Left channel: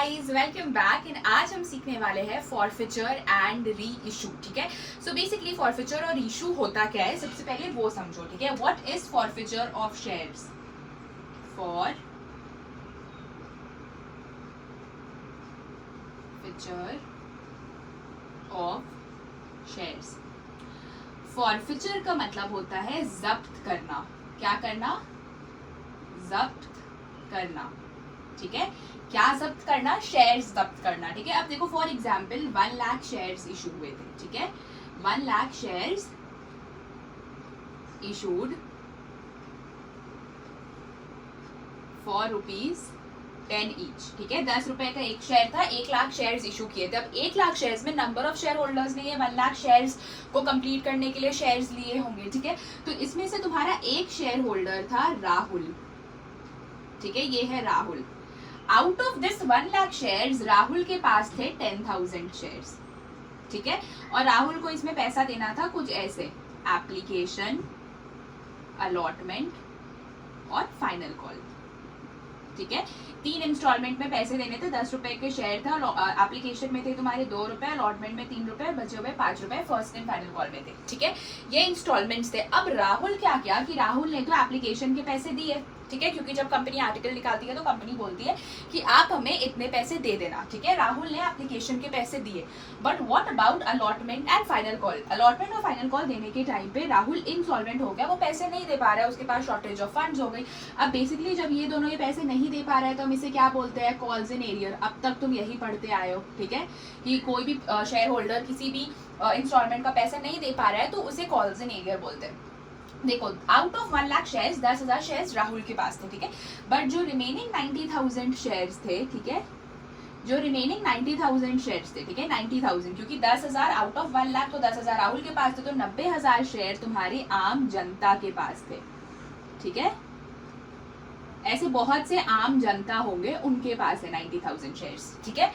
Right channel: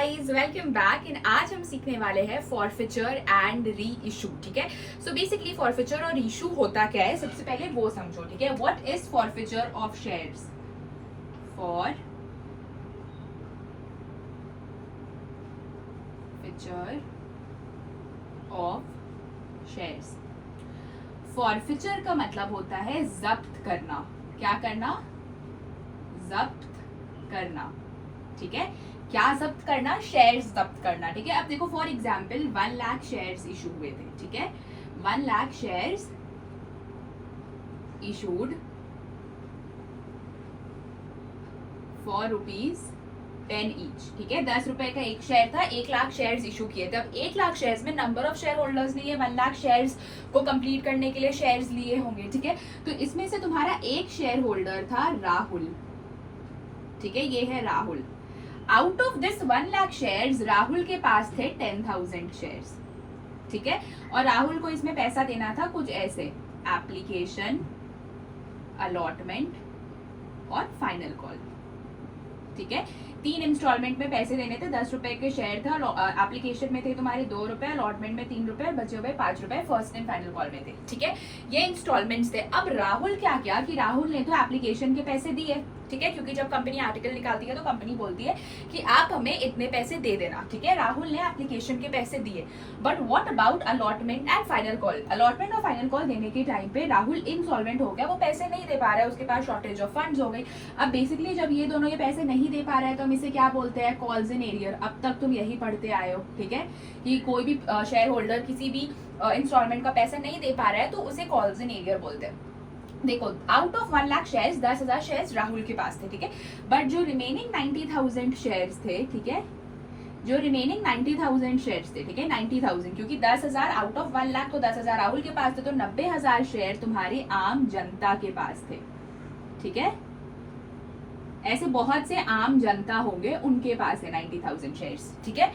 Guys, welcome back. And आज हम सीखने वाले हैं फॉरफिचर एंड री इशू। ठीक है, सो बेसिकली फॉरफिचर और इशू होता क्या है, सबसे पहले वो समझो। ठीक है, what is forfeiture of shares? Forfeiture of shares. Forfeiture का मतलब होता है जब्त करना। क्या करना? जब्त करना। ठीक है, क्या जब्त करना? शेयर्स जब्त करना। ठीक है, अब देखो for example 1 lakh shares issue हुए थे। ठीक है, 1 lakh shares issued for ₹10 each. ठीक है, 10 रुपए का एक शेयर था, 1 लाख शेयर्स इशू किए थे। अब 1 लाख शेयर्स में नंबर ऑफ शेयर होल्डर्स ने ये 1 लाख शेयर्स को कंप्लीट करने के लिए शेयर्स लिए होंगे। ठीक है, तो इसमें से तुम्हारा एक शेयर होल्डर था राहुल। ठीक है, ये है Rahul. Out of this 1 lakh shares Rahul के पास थे 10,000 शेयर्स। ठीक है, और राहुल को इसमें पैसा देना था कुछ ऐसे: एप्लीकेशन, अलॉटमेंट और फाइनल कॉल। ठीक है, 3 इंस्टॉलमेंट में पैसे देने थे। 10 रुपए के शेयर था, एप्लीकेशन में थे तुम्हारे 2 रुपए, अलॉटमेंट में 3 रुपए, बचे हुए 5 रुपए फर्स्ट एंड फाइनल कॉल में थे। ठीक है, ये इंस्टॉलमेंट्स थे। अब राहुल क्या किया कि राहुल ने तो एप्लीकेशन के पैसे दिए। ठीक है, क्योंकि जब कंपनी आर्टिकल निकालती है तो कंपनी बोलती है कि आप हमें इतने पैसे दे देना। ठीक है, राहुल ने एप्लीकेशन के पैसे दिए, but what about allotment and final call? Allotment और फाइनल कॉल देने के टाइम पे राहुल इनसॉल्वेंट हो गया, वो पैसे नहीं दे पा रहा है, उसके पास शॉर्टेज ऑफ फंड्स हो गई। अब बेसिकली जब ये दोनों ये पैसे नहीं दे पा रहा है तो हम इसे क्या बोलते हैं? Calls in arrear. अब तक तुम यही पढ़ते आए हो। ठीक है, कि कोई भी शेयर होल्डर किसी भी इंस्टॉलमेंट का पैसा नहीं दे पा रहा है तो उसे कॉल्स इन एरियर बोलते हैं। देखो, out of 1 lakh shares 10,000 shares Rahul के पास थे। ठीक है, बट जो रिमेनिंग 90,000 शेयर्स थे, ठीक है, जो रिमेनिंग 90,000 शेयर्स थे, ठीक है, 90,000, क्योंकि 10,000 आउट ऑफ 1 लाख तो 10,000 राहुल के पास थे, तो 90,000 शेयर तुम्हारी आम जनता के पास थे। ठीक है, ऐसे बहुत से आम जनता होंगे, उनके पास है 90,000 शेयर्स। ठीक है,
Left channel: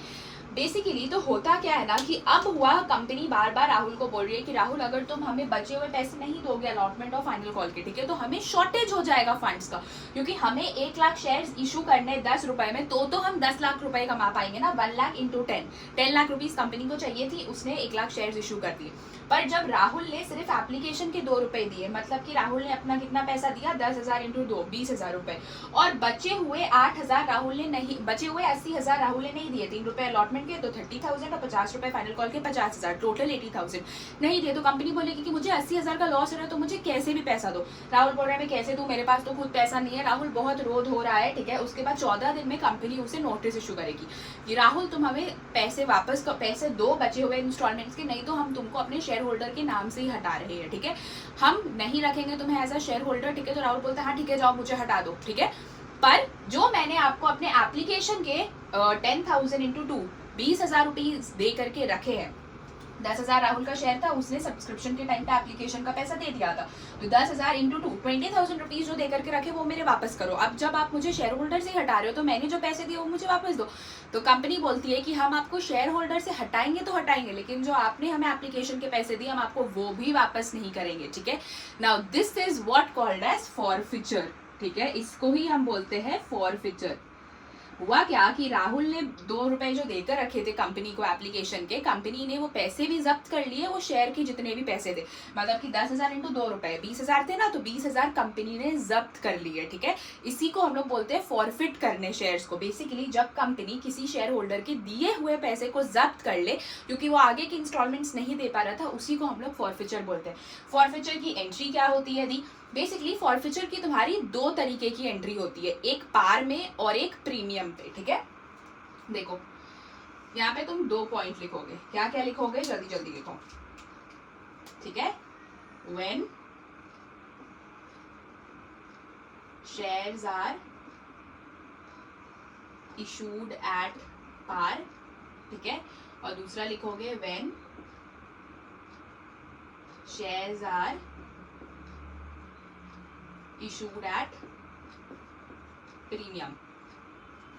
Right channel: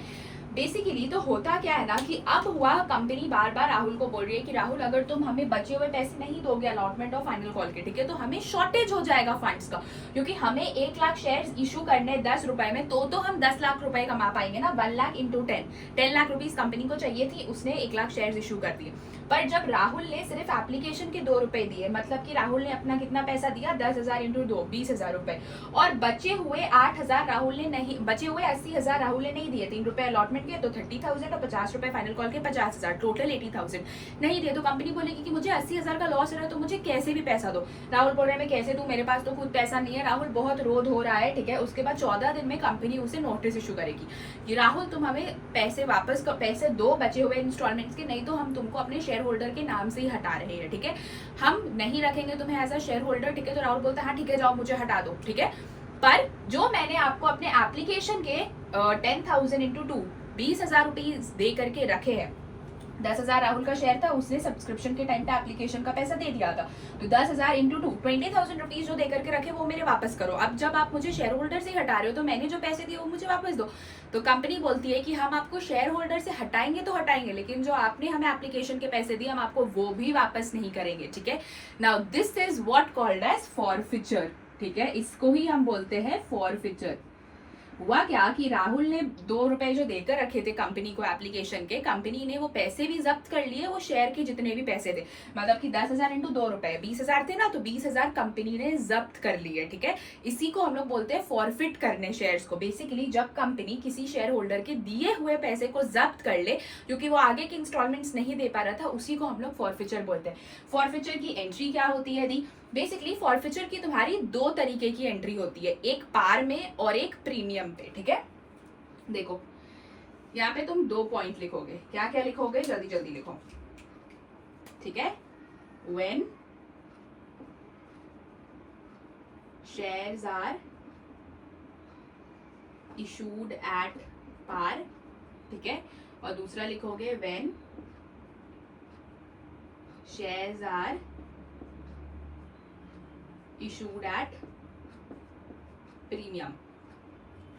बेसिकली तो होता क्या है ना कि अब हुआ, कंपनी बार बार राहुल को बोल रही है कि राहुल अगर तुम हमें बचे हुए पैसे नहीं दोगे अलॉटमेंट और फाइनल कॉल के, ठीक है, तो हमें शॉर्टेज हो जाएगा फंड्स का, क्योंकि हमें 1 लाख शेयर्स इशू करने 10 रुपए में, तो हम 10 लाख रुपए कमा पाएंगे ना। 1 lakh into 10 lakh rupees company को चाहिए थी, उसने 1 लाख शेयर्स इशू कर दिए। पर जब राहुल ने सिर्फ एप्लीकेशन के 2 रुपए दिए, मतलब कि राहुल ने अपना कितना पैसा दिया? 10,000 इंटू 2, 20,000 रुपए, और बचे हुए 8,000 राहुल ने नहीं, बचे हुए 80,000 राहुल ने नहीं दिए। 3 रुपए अलॉटमेंट के तो 30,000 और 50 रुपए फाइनल कॉल के 50,000, टोटल 80,000 नहीं दिए। तो कंपनी बोलेगी कि मुझे 80,000 का लॉस हो रहा है, तो मुझे कैसे भी पैसा दो। राहुल बोल रहा है मैं कैसे दूं, मेरे पास तो खुद पैसा नहीं है। राहुल बहुत रोध हो रहा है। ठीक है, उसके बाद 14 दिन में कंपनी उसे नोटिस इशू करेगी कि राहुल तुम हमें पैसे वापस पैसे दो बचे हुए इंस्टॉलमेंट्स के, नहीं तो हम तुमको अपने शेयर होल्डर के नाम से ही हटा रहे हैं। ठीक है, हम नहीं रखेंगे तुम्हें एज अ शेयर होल्डर। ठीक है, तो राहुल बोलता है हाँ ठीक है, जाओ मुझे हटा दो। ठीक है, पर जो मैंने आपको अपने एप्लीकेशन के 10,000 इंटू 2, 20,000 रुपीज दे करके रखे हैं। 10,000 राहुल का शेयर था, उसने सब्सक्रिप्शन के टाइम पे एप्लीकेशन का पैसा दे दिया था, तो 10,000 इंटू 2, 20,000 रुपीज जो दे करके रखे वो मेरे वापस करो। अब जब आप मुझे शेयर होल्डर से हटा रहे हो तो मैंने जो पैसे दिए वो मुझे वापस दो। तो कंपनी बोलती है कि हम आपको शेयर होल्डर से हटाएंगे तो हटाएंगे, लेकिन जो आपने हमें एप्लीकेशन के पैसे दिए हम आपको वो भी वापस नहीं करेंगे। ठीक है, now this is what called as forfeiture. ठीक है, इसको ही हम बोलते हैं फॉरफिचर। हुआ क्या कि राहुल ने 2 रुपए जो देकर रखे थे कंपनी को एप्लीकेशन के, कंपनी ने वो पैसे भी जब्त कर लिए, वो शेयर के जितने भी पैसे थे, मतलब कि 10,000 इंटू 2 रुपए 20,000 थे ना, तो 20,000 कंपनी ने जब्त कर लिए। ठीक है, इसी को हम लोग बोलते हैं फॉरफिट करने शेयर्स को। बेसिकली जब कंपनी किसी शेयर होल्डर के दिए हुए पैसे को जब्त कर ले क्योंकि वो आगे के इंस्टॉलमेंट्स नहीं दे पा रहा था, उसी को हम लोग फॉरफिचर बोलते हैं। फॉरफिचर की एंट्री क्या होती है दी? बेसिकली फॉरफिचर की तुम्हारी 2 तरीके की एंट्री होती है, एक पार में और एक प्रीमियम पे। ठीक है, देखो यहाँ पे तुम 2 पॉइंट लिखोगे। क्या क्या लिखोगे? जल्दी जल्दी लिखो। ठीक है, when shares are issued at par. ठीक है, और दूसरा लिखोगे when shares are issued at premium.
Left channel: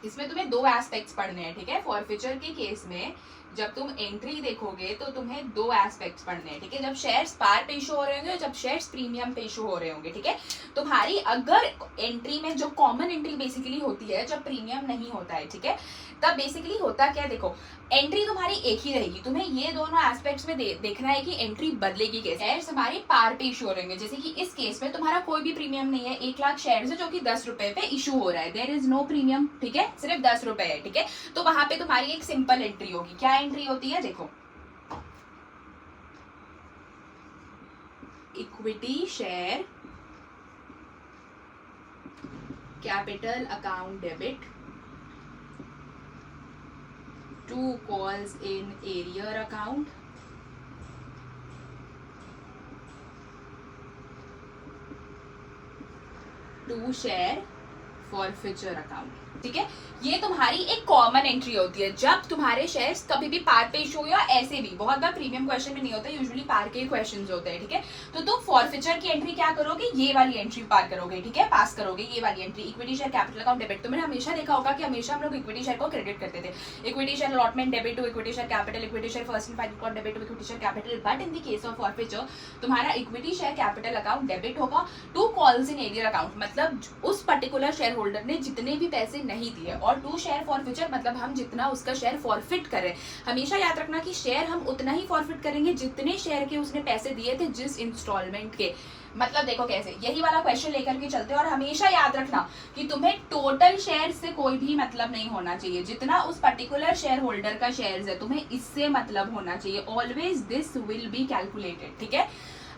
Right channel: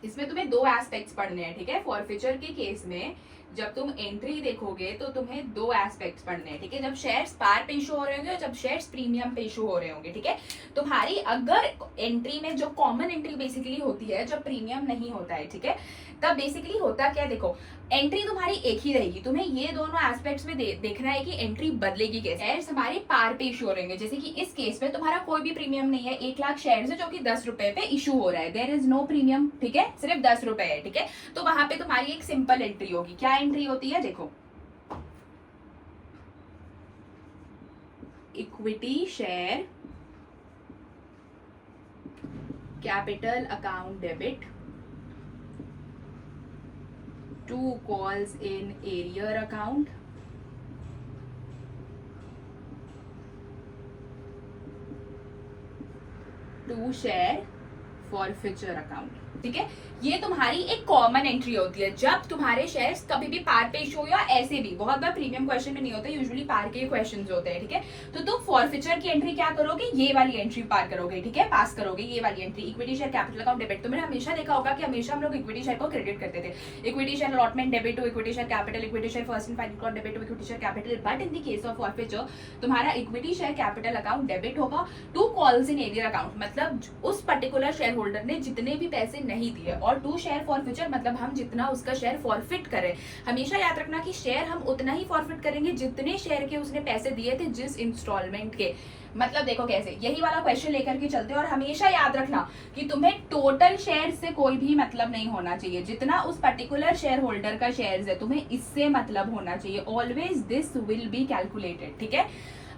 इसमें तुम्हें 2 एस्पेक्ट्स पढ़ने हैं। ठीक है, फॉरफिचर के केस में जब तुम एंट्री देखोगे तो तुम्हें दो एस्पेक्ट्स पढ़ने हैं, ठीक है। जब शेयर्स पार पे इशू हो रहे होंगे और जब शेयर्स प्रीमियम पे इशू हो रहे होंगे, ठीक है। तुम्हारी अगर एंट्री में जो कॉमन एंट्री बेसिकली होती है जब प्रीमियम नहीं होता है, ठीक है, तब बेसिकली होता क्या, देखो एंट्री तुम्हारी एक ही रहेगी, तुम्हें ये दोनों एस्पेक्ट्स में देखना है कि एंट्री बदलेगी कैसे। शेयर्स हमारे पार पे इशू हो रहेंगे, जैसे कि इस केस में तुम्हारा कोई भी प्रीमियम नहीं है, 1 लाख शेयर्स है जो कि 10 रुपए पे इशू हो रहा है, देयर इज नो प्रीमियम, ठीक है, सिर्फ 10 रुपए है, ठीक है। तो वहां पे तुम्हारी एक सिंपल एंट्री होगी। क्या एंट्री होती है, देखो equity share capital account debit, 2 calls in arrear account, to share forfeiture account, ठीक है। ये तुम्हारी एक कॉमन एंट्री होती है जब तुम्हारे शेयर्स कभी भी पार पे इशू हो, या ऐसे भी बहुत बार प्रीमियम क्वेश्चन में नहीं होता, यूजुअली पार के क्वेश्चंस होते हैं, ठीक है। तो तुम फॉरफिचर की एंट्री क्या करोगे, ये वाली एंट्री पार करोगे, ठीक है, पास करोगे ये वाली entry, equity share capital account debit. तुमने हमेशा देखा होगा कि हमेशा हम लोग इक्विटी शेयर को क्रेडिट करते थे, equity share allotment debit to equity share capital, equity share first and final call debit to equity share capital. But in the case of forfeiture तुम्हारा equity share capital account debit होगा to calls in arrear account, मतलब उस particular share holder ने जितने भी पैसे नहीं दिए, और टू शेयर फॉरफिचर मतलब हम जितना उसका शेयर फॉरफिट करें। हमेशा याद रखना कि शेयर हम उतना ही फॉरफिट करेंगे जितने शेयर के उसने पैसे दिए थे जिस इंस्टॉलमेंट के। मतलब देखो कैसे, यही वाला क्वेश्चन लेकर के चलते हैं, और हमेशा याद रखना कि तुम्हें टोटल शेयर से कोई भी मतलब नहीं होना चाहिए, जितना उस पर्टिकुलर शेयर होल्डर का शेयर है तुम्हें इससे मतलब होना चाहिए। Always this will be calculated, ठीक है।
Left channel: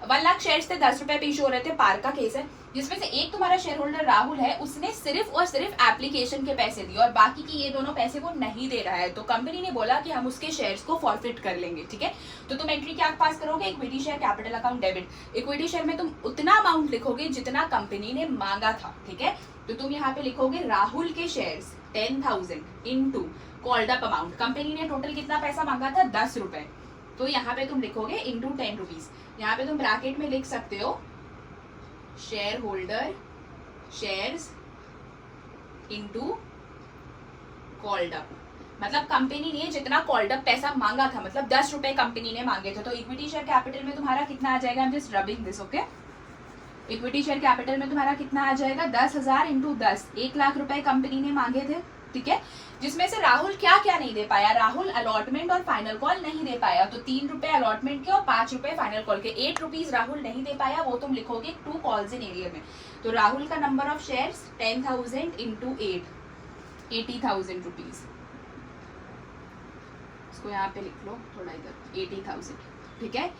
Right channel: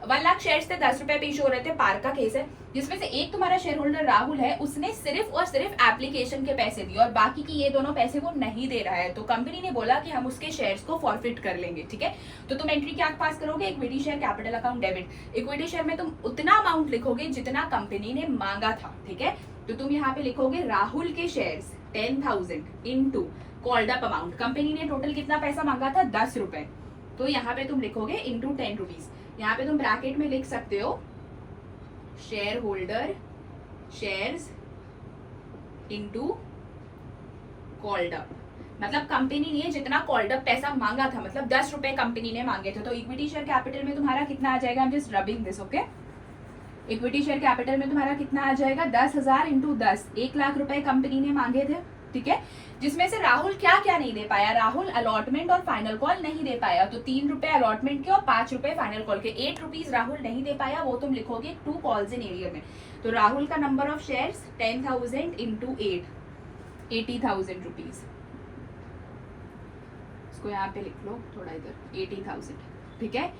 1 लाख शेयर्स थे, 10 रुपए पे इशू हो रहे थे, पार का केस है, जिसमें से एक तुम्हारा शेयर होल्डर राहुल है, उसने सिर्फ और सिर्फ एप्लीकेशन के पैसे दिए और बाकी की ये दोनों पैसे वो नहीं दे रहा है, तो कंपनी ने बोला कि हम उसके शेयर्स को फॉरफिट कर लेंगे, ठीक है। तो तुम एंट्री क्या पास करोगे, equity share capital account debit. Equity share में तुम उतना अमाउंट लिखोगे जितना कंपनी ने मांगा था, ठीक है। तो तुम यहाँ पे लिखोगे राहुल के shares 10,000 into called up amount, company ने टोटल कितना पैसा मांगा था, 10 रुपए, तो यहाँ पे तुम लिखोगे इंटू 10 रुपीज। यहाँ पे तुम ब्रैकेट में लिख सकते हो share holder shares into called up, मतलब कंपनी ने जितना कॉल्ड अप पैसा मांगा था, मतलब 10 रुपए कंपनी ने मांगे थे, तो इक्विटी शेयर कैपिटल में तुम्हारा कितना आ जाएगा, I am just rubbing this, okay. Equity share capital में तुम्हारा कितना आ जाएगा, 10,000 इंटू 10, 1 लाख रुपए कंपनी ने मांगे थे, ठीक है। जिसमें से राहुल क्या क्या नहीं दे पाया, राहुल अलॉटमेंट और फाइनल कॉल नहीं दे पाया, तो 3 रुपए अलॉटमेंट के और 5 रुपए फाइनल कॉल के, 8 रुपीज राहुल नहीं दे पाया, वो तुम लिखोगे 2 कॉल्स इन एरियर में। तो राहुल का number of shares 10,000 into 8, 80,000 rupees, इसको यहाँ पे लिख लो थोड़ा इधर, 80,000, ठीक है।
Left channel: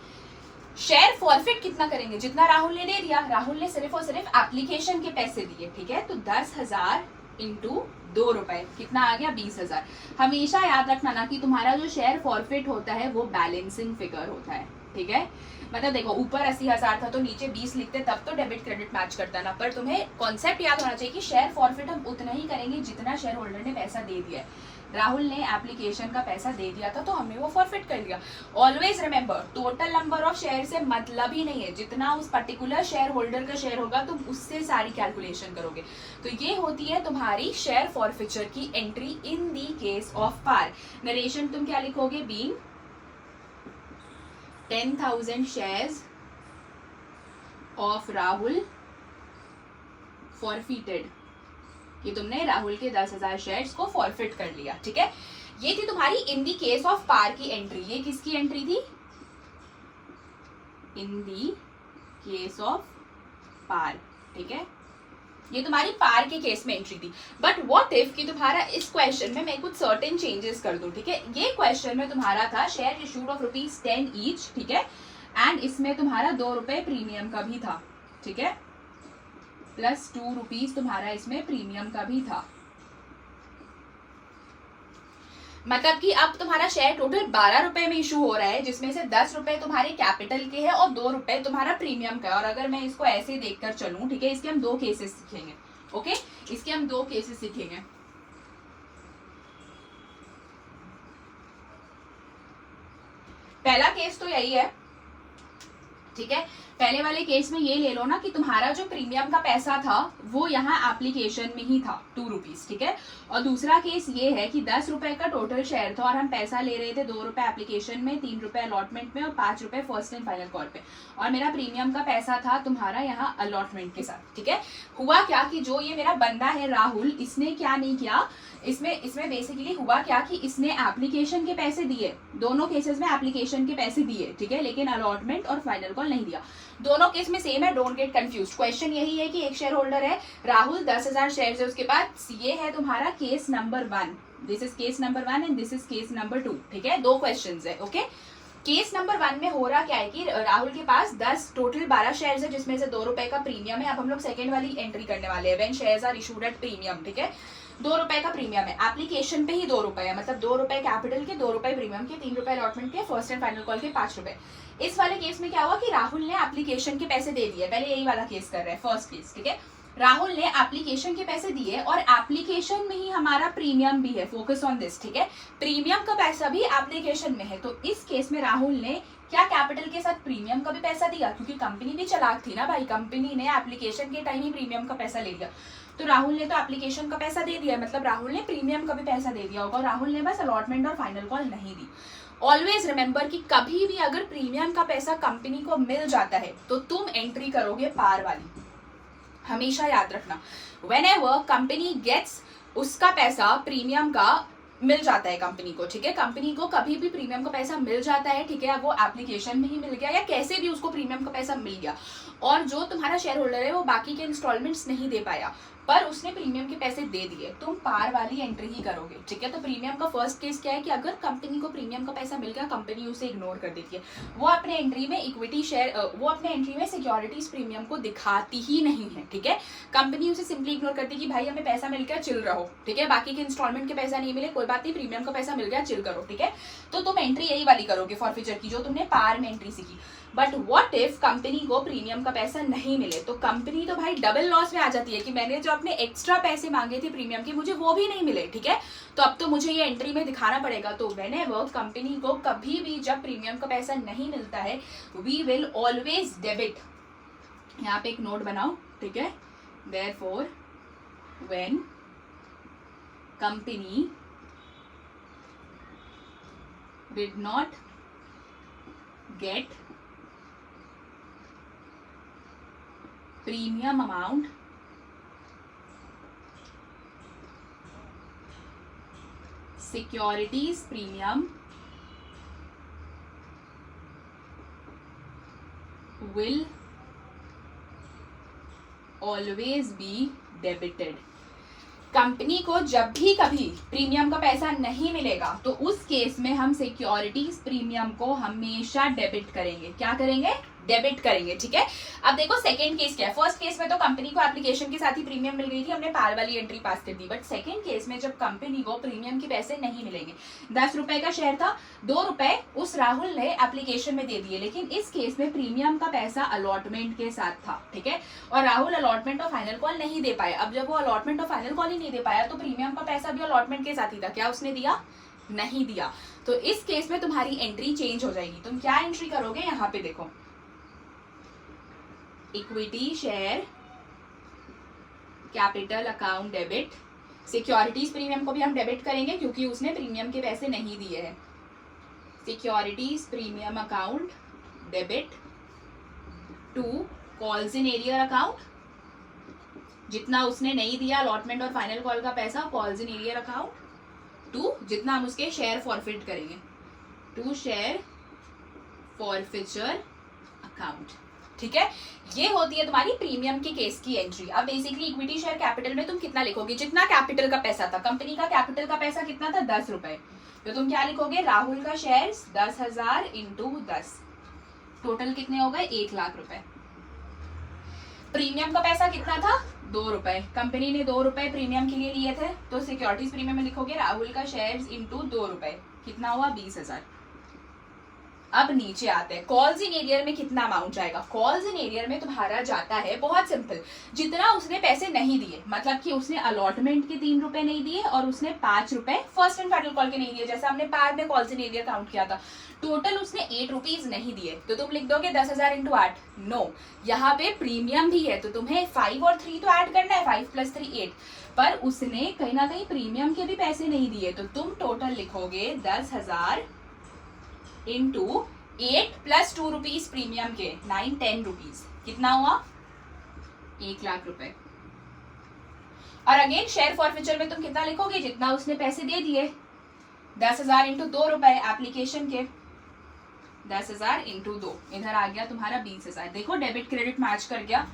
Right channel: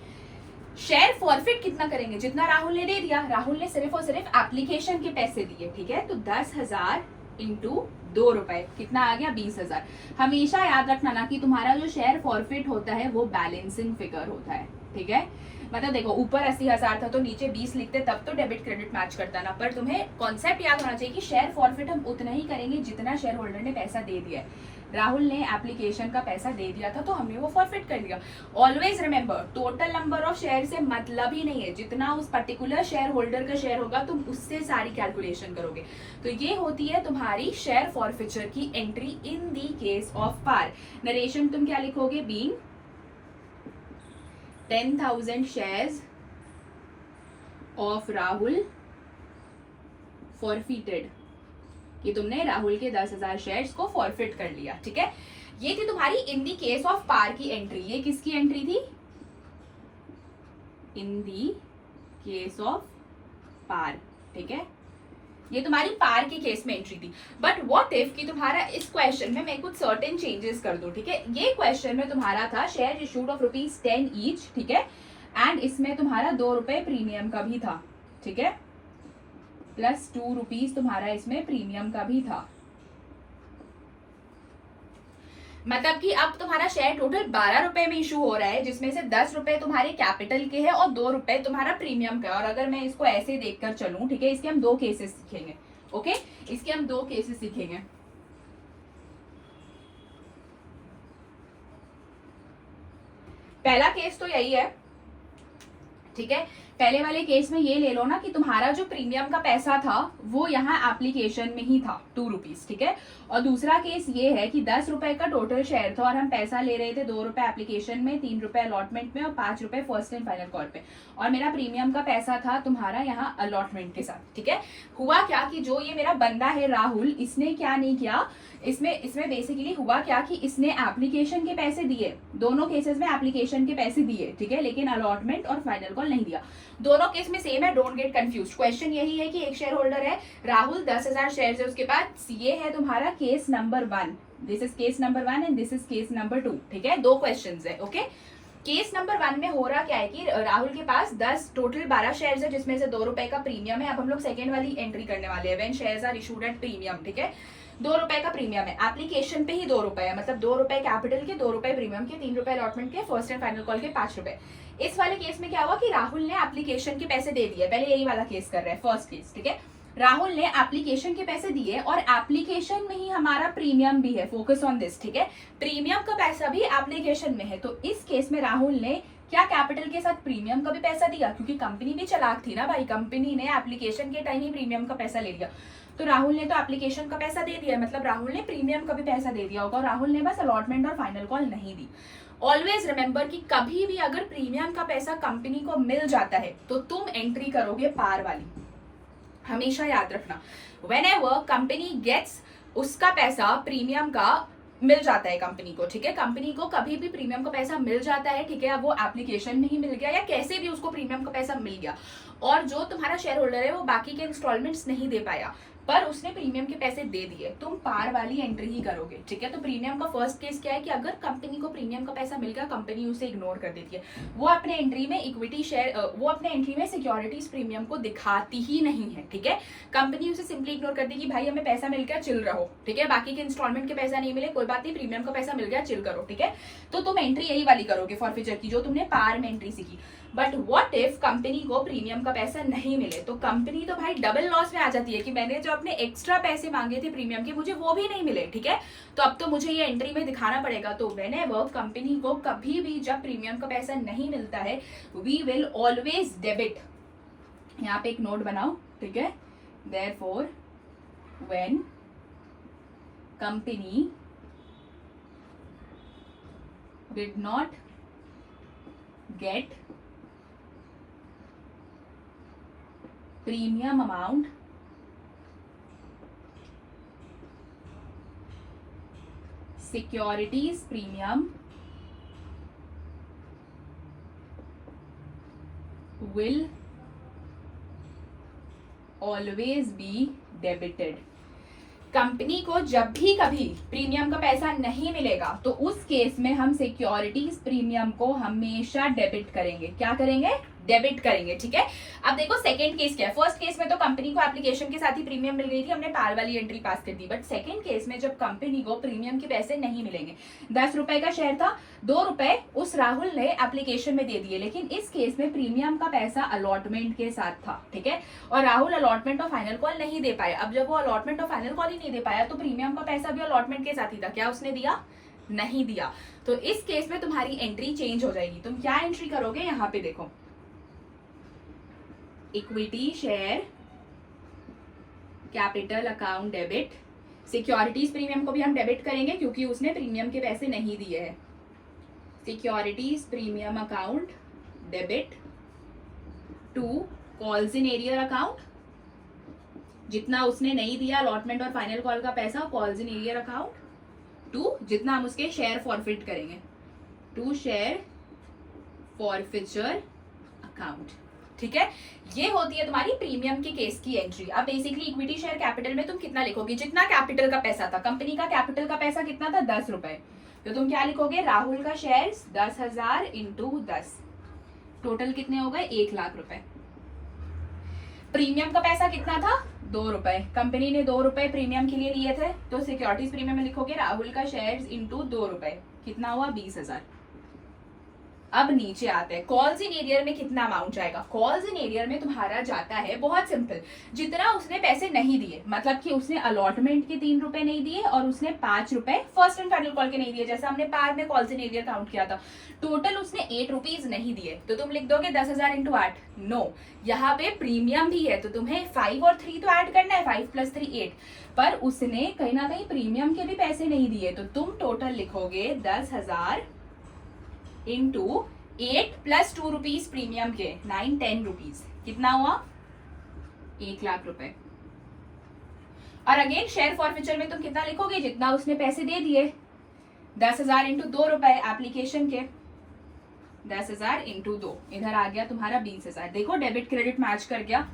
शेयर फॉरफिट कितना करेंगे, जितना राहुल ने दे दिया, राहुल ने सिर्फ और सिर्फ एप्लीकेशन के पैसे दिए, ठीक है। तो 10,000 इंटू 2 रुपए कितना आ गया, 20,000। हमेशा याद रखना ना कि तुम्हारा जो शेयर फॉरफिट होता है वो बैलेंसिंग फिगर होता है, ठीक है। मतलब देखो ऊपर 80,000 था तो नीचे 20 लिखते, तब तो डेबिट क्रेडिट मैच करता ना, पर तुम्हें कॉन्सेप्ट याद होना चाहिए कि शेयर फॉरफिट हम उतना ही करेंगे जितना शेयर होल्डर ने पैसा दे दिया है। राहुल ने एप्लीकेशन का पैसा दे दिया था तो हमने वो फॉरफिट कर लिया। Always remember, total number of share से मतलब ही नहीं है, जितना उस पर्टिकुलर शेयर होल्डर का शेयर होगा तुम उससे सारी कैलकुलेशन करोगे। तो ये होती है तुम्हारी शेयर फॉरफिचर की entry in the case of par. Narration तुम क्या लिखोगे, being 10,000 shares of Rahul forfeited, कि तुमने राहुल के 10,000 शेयर्स को फॉरफिट कर लिया, ठीक है। ये थी तुम्हारी इन दी केस ऑफ पार की एंट्री। ये किसकी एंट्री थी, इन दी केस ऑफ पार, ठीक है। ये तुम्हारी पार के केस में एंट्री थी। बट व्हाट इफ कि तुम्हारा इस क्वेश्चन में मैं कुछ सर्टेन चेंजेस कर दूं, ठीक है। ये क्वेश्चन में तुम्हारा था शेयर इशूड ऑफ ₹10 ईच, ठीक है, एंड इसमें तुम्हारा 2 रुपए प्रीमियम का भी था, ठीक है, प्लस 2 रुपीज तुम्हारा इसमें प्रीमियम का भी था। मतलब कि अब तुम्हारा शेयर टोटल 12 रुपए में इशू हो रहा है, जिसमें से 10 रुपए तुम्हारे कैपिटल के हैं और 2 रुपए तुम्हारा प्रीमियम का है। और अगर मैं इसको ऐसे देखकर चलूं, ठीक है, इसके हम 2 केसेस सीखेंगे, ओके, इसके हम 2 केसेस सीखेंगे। पहला केस तो यही है, ठीक है। पहले वाले केस में ये ले लो ना कि तुम्हारा जो प्रीमियम का पैसा था वो यहाँ एप्लीकेशन में ही था 2 रुपीज, ठीक है। और दूसरा केस ये है कि 10 रुपए का टोटल शेयर था और हम पैसा ले रहे थे 2 रुपए एप्लीकेशन में, 3 रुपए अलॉटमेंट में और 5 रुपए फर्स्ट एंड फाइनल कॉल पे, और मेरा प्रीमियम का पैसा था तुम्हारा यहाँ अलॉटमेंट के साथ, ठीक है। हुआ क्या कि जो ये मेरा बंदा है राहुल, इसने क्या नहीं किया, इसमें बेसिकली हुआ क्या कि इसने एप्लीकेशन के पैसे दिए, दोनों केसेस में एप्लीकेशन के पैसे दिए, ठीक है, लेकिन अलॉटमेंट और फाइनल कॉल नहीं दिया। दोनों केस में सेम है, डोंट गेट कंफ्यूज। क्वेश्चन यही है कि एक शेयर होल्डर है राहुल, 10,000 शेयर है उसके पास, ये है तुम्हारा case number 1, this is case number 1 and this is case number 2, ठीक है। 2 क्वेश्चन है, ओके। केस नंबर 1 में हो रहा क्या है कि राहुल के पास 10 टोटल 12 शेयर्स है जिसमें से 2 रुपए का प्रीमियम है। अब हम लोग सेकंड वाली एंट्री करने वाले हैं, when shares are issued at premium, ठीक है। 2 रुपए का प्रीमियम है, एप्लीकेशन पे ही 2 रुपए है, मतलब 2 रुपए कैपिटल के, 2 रुपए प्रीमियम के, 3 रुपए अलॉटमेंट के, फर्स्ट एंड फाइनल कॉल के 5 रुपए। इस वाले केस में क्या हुआ कि राहुल ने एप्लीकेशन के पैसे दे दिए, पहले यही वाला केस कर रहे हैं, फर्स्ट केस, ठीक है। राहुल ने एप्लीकेशन के पैसे दिए और एप्लीकेशन में ही हमारा प्रीमियम भी है, फोकस ऑन दिस, ठीक है। प्रीमियम का पैसा भी एप्लीकेशन में है, तो इस केस में राहुल ने क्या कैपिटल के साथ प्रीमियम का भी पैसा दिया, क्योंकि कंपनी भी चालाक थी ना भाई, कंपनी ने एप्लीकेशन के टाइम ही प्रीमियम का पैसा ले लिया, तो राहुल ने तो एप्लीकेशन का पैसा दे दिया, मतलब राहुल ने प्रीमियम का भी पैसा दे दिया होगा, और राहुल ने बस अलॉटमेंट और फाइनल कॉल नहीं दी। ऑलवेज रिमेंबर कि कभी भी अगर प्रीमियम का पैसा कंपनी को मिल जाता है तो तुम एंट्री करोगे पार वाली, हमेशा याद रखना। व्हेनेवर कंपनी गेट्स, उसका पैसा प्रीमियम का मिल जाता है कंपनी को, ठीक है। कंपनी को कभी भी प्रीमियम का पैसा मिल जाता है, ठीक है, अब वो एप्लीकेशन में ही मिल गया या कैसे भी उसको प्रीमियम का पैसा मिल गया, और जो तुम्हारा शेयर होल्डर है वो बाकी के इंस्टॉलमेंट्स नहीं दे पाया पर उसने प्रीमियम के पैसे दे दिए, तुम पार वाली एंट्री ही करोगे, ठीक है। तो प्रीमियम का फर्स्ट केस क्या है कि अगर कंपनी को प्रीमियम का पैसा मिल गया, कंपनी उसे इग्नोर कर देती है, वो अपने एंट्री में इक्विटी शेयर, वो अपने एंट्री में सिक्योरिटीज प्रीमियम को दिखाती ही नहीं है, ठीक है। कंपनी उसे सिंपली इग्नोर करती है कि भाई हमें पैसा मिल गया, चिल रहो, ठीक है, बाकी के इंस्टॉलमेंट के पैसा नहीं मिले कोई बात नहीं, प्रीमियम का पैसा मिल गया, चिल करो, ठीक है। तो तुम एंट्री यही वाली करोगे फॉरफीचर की, जो तुमने पार में एंट्री सीखी। बट व्हाट इफ कंपनी को प्रीमियम का पैसा नहीं मिले, तो कंपनी तो भाई डबल लॉस में आ जाती है कि मैंने जो अपने एक्स्ट्रा पैसे मांगे थे प्रीमियम के, मुझे वो भी नहीं मिले, ठीक है। तो अब तो मुझे ये एंट्री में दिखाना पड़ेगा। तो व्हेनेवर कंपनी को कभी भी जब प्रीमियम का पैसा नहीं मिलता है, वी विल ऑलवेज डेबिट, यहाँ पे एक नोट बनाओ, ठीक है। Therefore when company did not gate premium amount securities premium will always be debited। Company को जब भी कभी प्रीमियम का पैसा नहीं मिलेगा तो उस केस में हम सिक्योरिटीज प्रीमियम को हमेशा डेबिट करेंगे। क्या करेंगे? डेबिट करेंगे, ठीक है। अब देखो सेकंड केस क्या है। फर्स्ट केस में तो कंपनी को एप्लीकेशन के साथ ही प्रीमियम मिल गई थी, हमने पार वाली एंट्री पास कर दी। बट सेकंड केस में जब कंपनी को प्रीमियम के पैसे नहीं मिलेंगे, 10 रुपए का शेयर था, 2 रुपए उस राहुल ने एप्लीकेशन में दे दिए, लेकिन इस केस में प्रीमियम का पैसा अलॉटमेंट के साथ था, ठीक है। और राहुल अलॉटमेंट और फाइनल कॉल नहीं दे पाया। अब जब वो अलॉटमेंट और फाइनल कॉल ही नहीं दे पाया तो प्रीमियम का पैसा भी अलॉटमेंट के साथ ही था। क्या उसने दिया? नहीं दिया। तो इस केस में तुम्हारी एंट्री चेंज हो जाएगी। तुम क्या एंट्री करोगे? यहाँ पे देखो, equity share capital account debit. Securities premium को भी हम डेबिट करेंगे क्योंकि उसने प्रीमियम के पैसे नहीं दिए हैं। Securities premium account debit to calls in arrear account, जितना उसने नहीं दिया अलॉटमेंट और फाइनल कॉल का पैसा, calls in arrear account, to जितना हम उसके शेयर फॉरफिट करेंगे, टू शेयर फॉरफिचर अकाउंट, ठीक है। ये होती है तुम्हारी प्रीमियम के केस की एंट्री। अब बेसिकली इक्विटी शेयर कैपिटल में तुम कितना लिखोगे? जितना कैपिटल का पैसा था। कंपनी का कैपिटल का पैसा कितना था? 10 रुपए। तो तुम क्या लिखोगे? राहुल का शेयर 10,000 इंटू 10, टोटल कितने हो गए? 1 लाख रुपए। प्रीमियम का पैसा कितना था? 2 रुपए। कंपनी ने 2 रुपए प्रीमियम के लिए लिए थे, तो सिक्योरिटीज प्रीमियम में लिखोगे राहुल का शेयर इंटू 2 रुपए, कितना हुआ? 20,000। अब नीचे आते हैं, कॉल्स इन एरियर में कितना अमाउंट जाएगा। कॉल्स इन एरियर में तुम्हारा जाता है बहुत सिंपल, जितना उसने पैसे नहीं दिए, मतलब कि उसने अलॉटमेंट के 3 रुपए नहीं दिए और उसने 5 रुपए फर्स्ट एंड फाइनल कॉल के नहीं दिए, जैसा हमने पार में कॉल्स इन एरियर काउंट किया था। टोटल उसने 8 रुपीज नहीं दिए, तो तुम लिख दोगे 10,000 इंटू 8। नो, यहाँ पे प्रीमियम भी है, तो तुम्हें 5 और 3 तो ऐड करना है, 5 + 3 8, पर उसने कहीं ना कहीं प्रीमियम के भी पैसे नहीं दिए, तो तुम टोटल लिखोगे 10,000 इंटू 8 + 2 रुपीज प्रीमियम के, 9-10 रुपीज, कितना हुआ 1 लाख रुपए। और अगेन शेयर फॉरफीचर में तुम कितना लिखोगे, जितना उसने पैसे दे दिए, 10,000 इंटू 2 रुपए एप्लीकेशन के, 10,000 इंटू 2, इधर आ गया तुम्हारा 20,000। देखो डेबिट क्रेडिट मैच कर गया।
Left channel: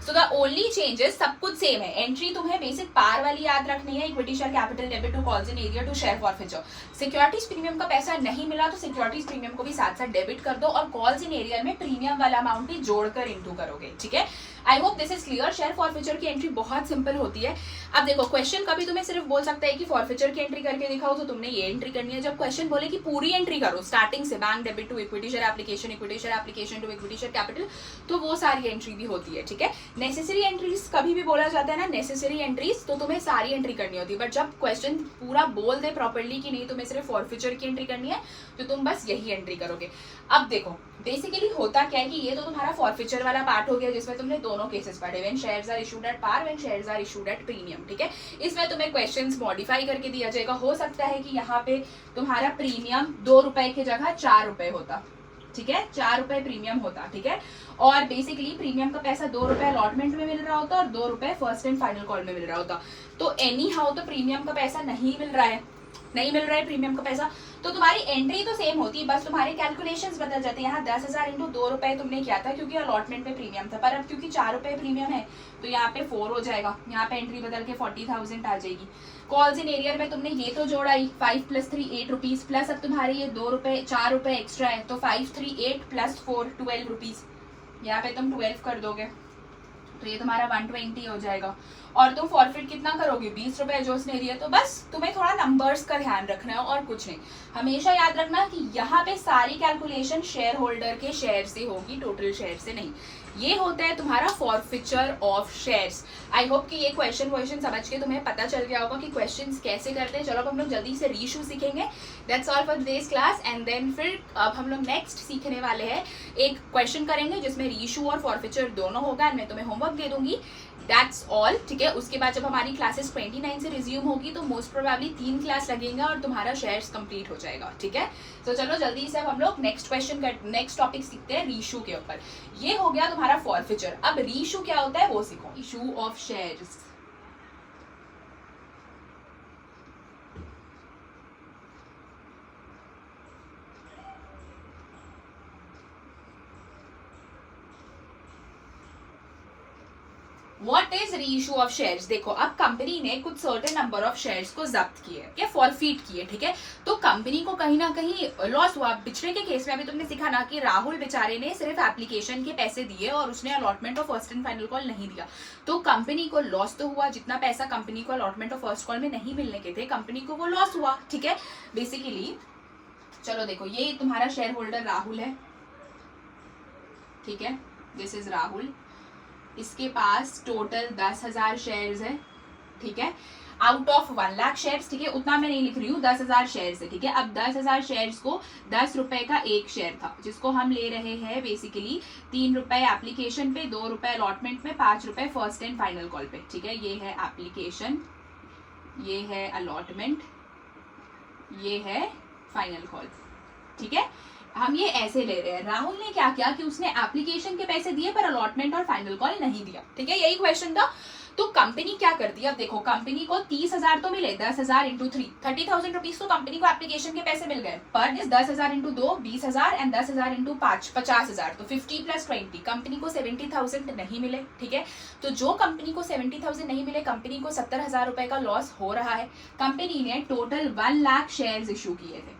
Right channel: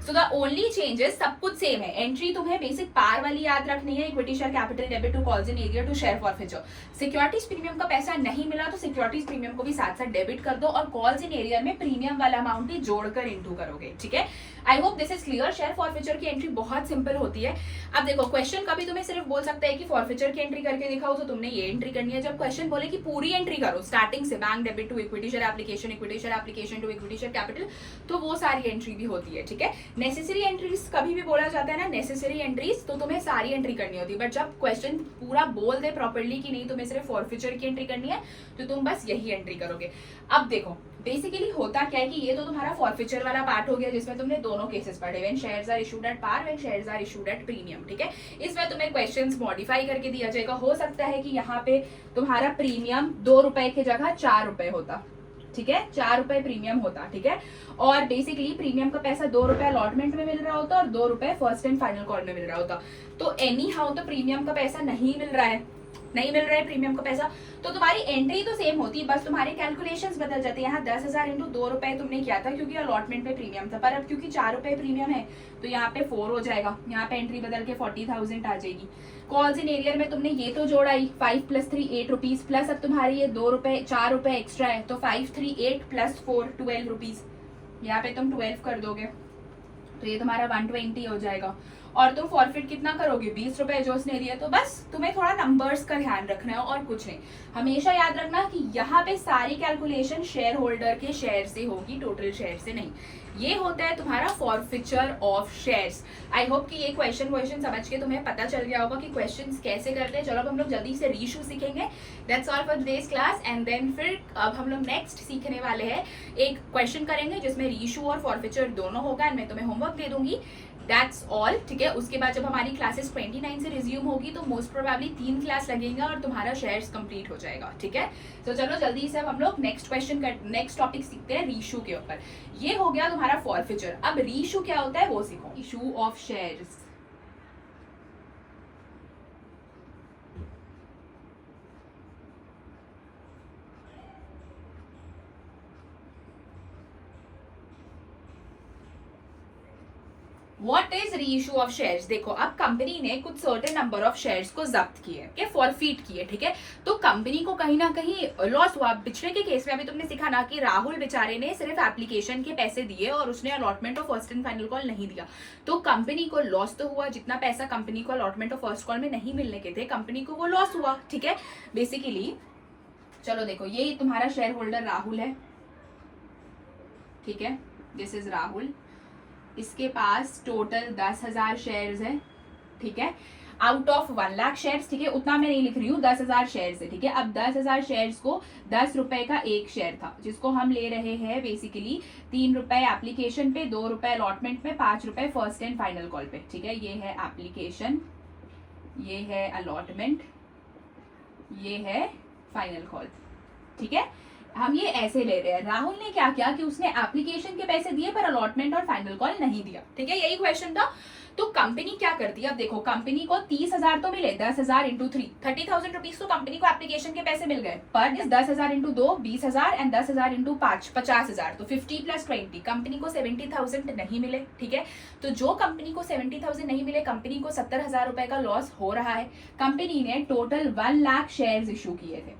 सो द ओनली चेंजेस, सब कुछ सेम है। एंट्री तुम्हें बेसिक पार वाली याद रखनी है, equity share capital debit to calls in arrear to share forfeiture. Securities premium का पैसा नहीं मिला तो सिक्योरिटीज प्रीमियम को भी साथ साथ डेबिट कर दो और कॉल्स इन एरियर में प्रीमियम वाला अमाउंट भी जोड़कर इंटू करोगे, ठीक है। I hope this is clear. Share forfeiture की एंट्री बहुत सिंपल होती है। अब देखो क्वेश्चन कभी तुम्हें सिर्फ बोल सकता है कि फॉरफीचर की एंट्री करके दिखाओ, तो तुमने ये एंट्री करनी है। जब क्वेश्चन बोले कि पूरी एंट्री करो स्टार्टिंग से, bank debit to equity share application, equity share application to equity share capital, तो वो सारी एंट्री भी होती है, ठीक है। नेसेसरी एंट्रीज कभी भी बोला जाता है ना, नेसेसरी एंट्रीज, तो तुम्हें सारी एंट्री करनी होती है। बट जब क्वेश्चन पूरा बोल दे प्रॉपर्ली कि नहीं तुम्हें सिर्फ फॉरफीचर की एंट्री करनी है, तो तुम बस यही एंट्री करोगे। अब देखो बेसिकली होता क्या है कि ये तो तुम्हारा फॉरफीचर वाला पार्ट हो गया, जिसमें तुमने दोनों केसेस पढ़े, when shares are issued at par, when shares are issued at premium, ठीक है। इसमें तुम्हें क्वेश्चंस मॉडिफाई करके दिया जाएगा। हो सकता है कि यहाँ पे तुम्हारा प्रीमियम 2 रुपए की जगह 4 रुपए होता, ठीक है, 4 रुपए प्रीमियम होता, ठीक है। और बेसिकली प्रीमियम का पैसा 2 रुपए अलॉटमेंट में मिल रहा होता और 2 रुपए फर्स्ट एंड फाइनल कॉल में मिल रहा होता। तो एनी हाउ तो प्रीमियम का पैसा नहीं मिल रहा है, नहीं मिल रहा है प्रीमियम का पैसा, तो तुम्हारी एंट्री तो सेम होती है, बस तुम्हारे कैलकुलेशंस बदल जाते हैं। यहाँ 10,000 इंटू 2 रुपए तुमने किया था क्योंकि अलॉटमेंट पे प्रीमियम था, पर अब क्योंकि 4 रुपए प्रीमियम है तो यहाँ पे 4 हो जाएगा, यहाँ पे एंट्री बदल के 40,000 आ जाएगी। कॉल्स इन एरियर में तुमने ये तो जोड़ा ही, 5 + 3 8 रुपीज, प्लस अब तुम्हारी ये 2 रुपए 4 रुपए एक्स्ट्रा है, तो 5 3 8 + 4 12 रुपीज, यहाँ पे तुम 12 कर दोगे, तो ये तुम्हारा 120 हो जाएगा। और तुम फॉरफिट कितना करोगे, 20 रुपए जो उसने दिए। तो बस तुम्हें थोड़ा नंबर्स का ध्यान रखना है और कुछ नहीं। हमेशा याद रखना कि यहाँ पे सारी कैलकुलेशन शेयर होल्डर के शेयर से होगी, टोटल शेयर से नहीं। ये होता है तुम्हारा forfeiture of shares. I hope कि ये क्वेश्चन समझ के तुम्हें पता चल गया होगा कि क्वेश्चंस कैसे करते हैं। चलो अब हम लोग जल्दी से रीइशू सीखेंगे। That's all for today's class, and then फिर अब हम लोग नेक्स्ट सीखने वाले हैं, एक क्वेश्चन करेंगे जिसमें रीइशू और फॉरफिचर दोनों होगा, एंड मैं तुम्हें होमवर्क दे दूंगी। दैट्स ऑल, ठीक है। उसके बाद जब हमारी क्लासेस 29 से रिज्यूम होगी तो मोस्ट प्रोबेबली 3 क्लास लगेगा और तुम्हारा शेयर्स कंप्लीट हो जाएगा, ठीक है। तो चलो जल्दी से अब हम लोग नेक्स्ट टॉपिक सीखते हैं रीइशू के ऊपर। ये हो गया तुम्हारा फॉरफिचर। अब रीइशू क्या होता है वो सीखो। Issue of shares, what is reissue of shares. देखो अब कंपनी ने कुछ सर्टेन नंबर ऑफ शेयर्स को जब्त किए, क्या फॉरफीट किए, ठीक है। तो कंपनी को कहीं ना कहीं लॉस हुआ। पिछले के केस में अभी तुमने सीखा ना कि राहुल बेचारे ने सिर्फ एप्लीकेशन के पैसे दिए और उसने allotment of first and final call नहीं दिया, तो कंपनी को लॉस तो हुआ। जितना पैसा कंपनी को अलॉटमेंट ऑफ फर्स्ट कॉल में नहीं मिलने के थे, कंपनी को वो लॉस हुआ, ठीक है। बेसिकली चलो देखो, ये तुम्हारा शेयर होल्डर राहुल है, ठीक है, दिस इज राहुल। इसके पास टोटल 10,000 शेयर्स है, ठीक है, आउट ऑफ 1 लाख शेयर्स, ठीक है। उतना मैं नहीं लिख रही हूँ, 10,000 शेयर्स है, ठीक है। अब 10,000 शेयर्स को 10 रुपए का एक शेयर था, जिसको हम ले रहे हैं बेसिकली 3 रुपए एप्लीकेशन पे, 2 रुपए अलॉटमेंट में, 5 रुपए फर्स्ट एंड फाइनल कॉल पे, ठीक है। ये है एप्लीकेशन, ये है अलॉटमेंट, ये है फाइनल कॉल, ठीक है। हम ये ऐसे ले रहे हैं। राहुल ने क्या किया कि उसने एप्लीकेशन के पैसे दिए पर अलॉटमेंट और फाइनल कॉल नहीं दिया, ठीक है, यही क्वेश्चन था। तो कंपनी क्या करती है, अब देखो कंपनी को 30,000 तो मिले, 10,000 इंटू 3 30,000 रुपीज तो कंपनी को एप्लीकेशन के पैसे मिल गए, पर इस 10,000 इंटू 2 20,000 एंड 10,000 इंटू 5 50,000, तो 50 + 20 कंपनी को 70,000 नहीं मिले, ठीक है। तो जो कंपनी को 70,000 नहीं मिले, कंपनी को 70,000 रुपए का लॉस हो रहा है। कंपनी ने टोटल 1 लाख शेयर्स इशू किए थे,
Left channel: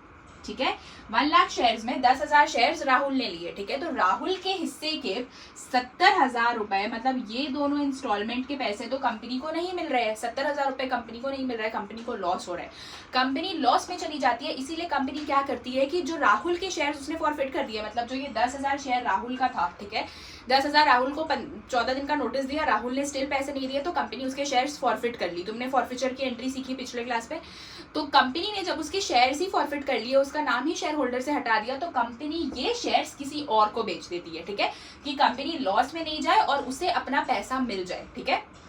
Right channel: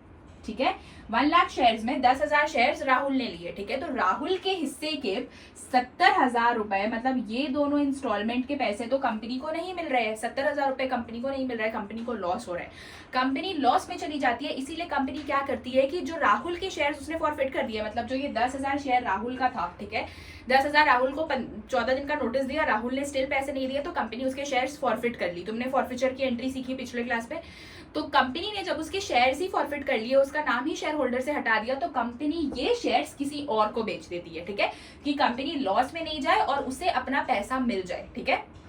ठीक है। 1 लाख शेयर्स में 10,000 शेयर्स राहुल ने लिए, ठीक है। तो राहुल के हिस्से के 70,000 रुपए, मतलब ये दोनों इंस्टॉलमेंट के पैसे तो कंपनी को नहीं मिल रहे हैं। 70,000 रुपए कंपनी को नहीं मिल रहा है, कंपनी को लॉस हो रहा है, कंपनी लॉस में चली जाती है। इसीलिए कंपनी क्या करती है कि जो राहुल के शेयर्स उसने फॉरफिट कर दिया, मतलब जो ये 10,000 शेयर राहुल का था, ठीक है, 10,000 राहुल को 14 दिन का नोटिस दिया, राहुल ने स्टिल पैसे नहीं दिए, तो कंपनी उसके शेयर्स फॉरफिट कर ली। तुमने फॉरफिचर की एंट्री सीखी पिछले क्लास पे। तो कंपनी ने जब उसके शेयर्स ही फॉरफिट कर लिए, उसका नाम ही शेयर होल्डर से हटा दिया, तो कंपनी ये शेयर्स किसी और को बेच देती है, ठीक है, कि कंपनी लॉस में नहीं जाए और उसे अपना पैसा मिल जाए, ठीक है।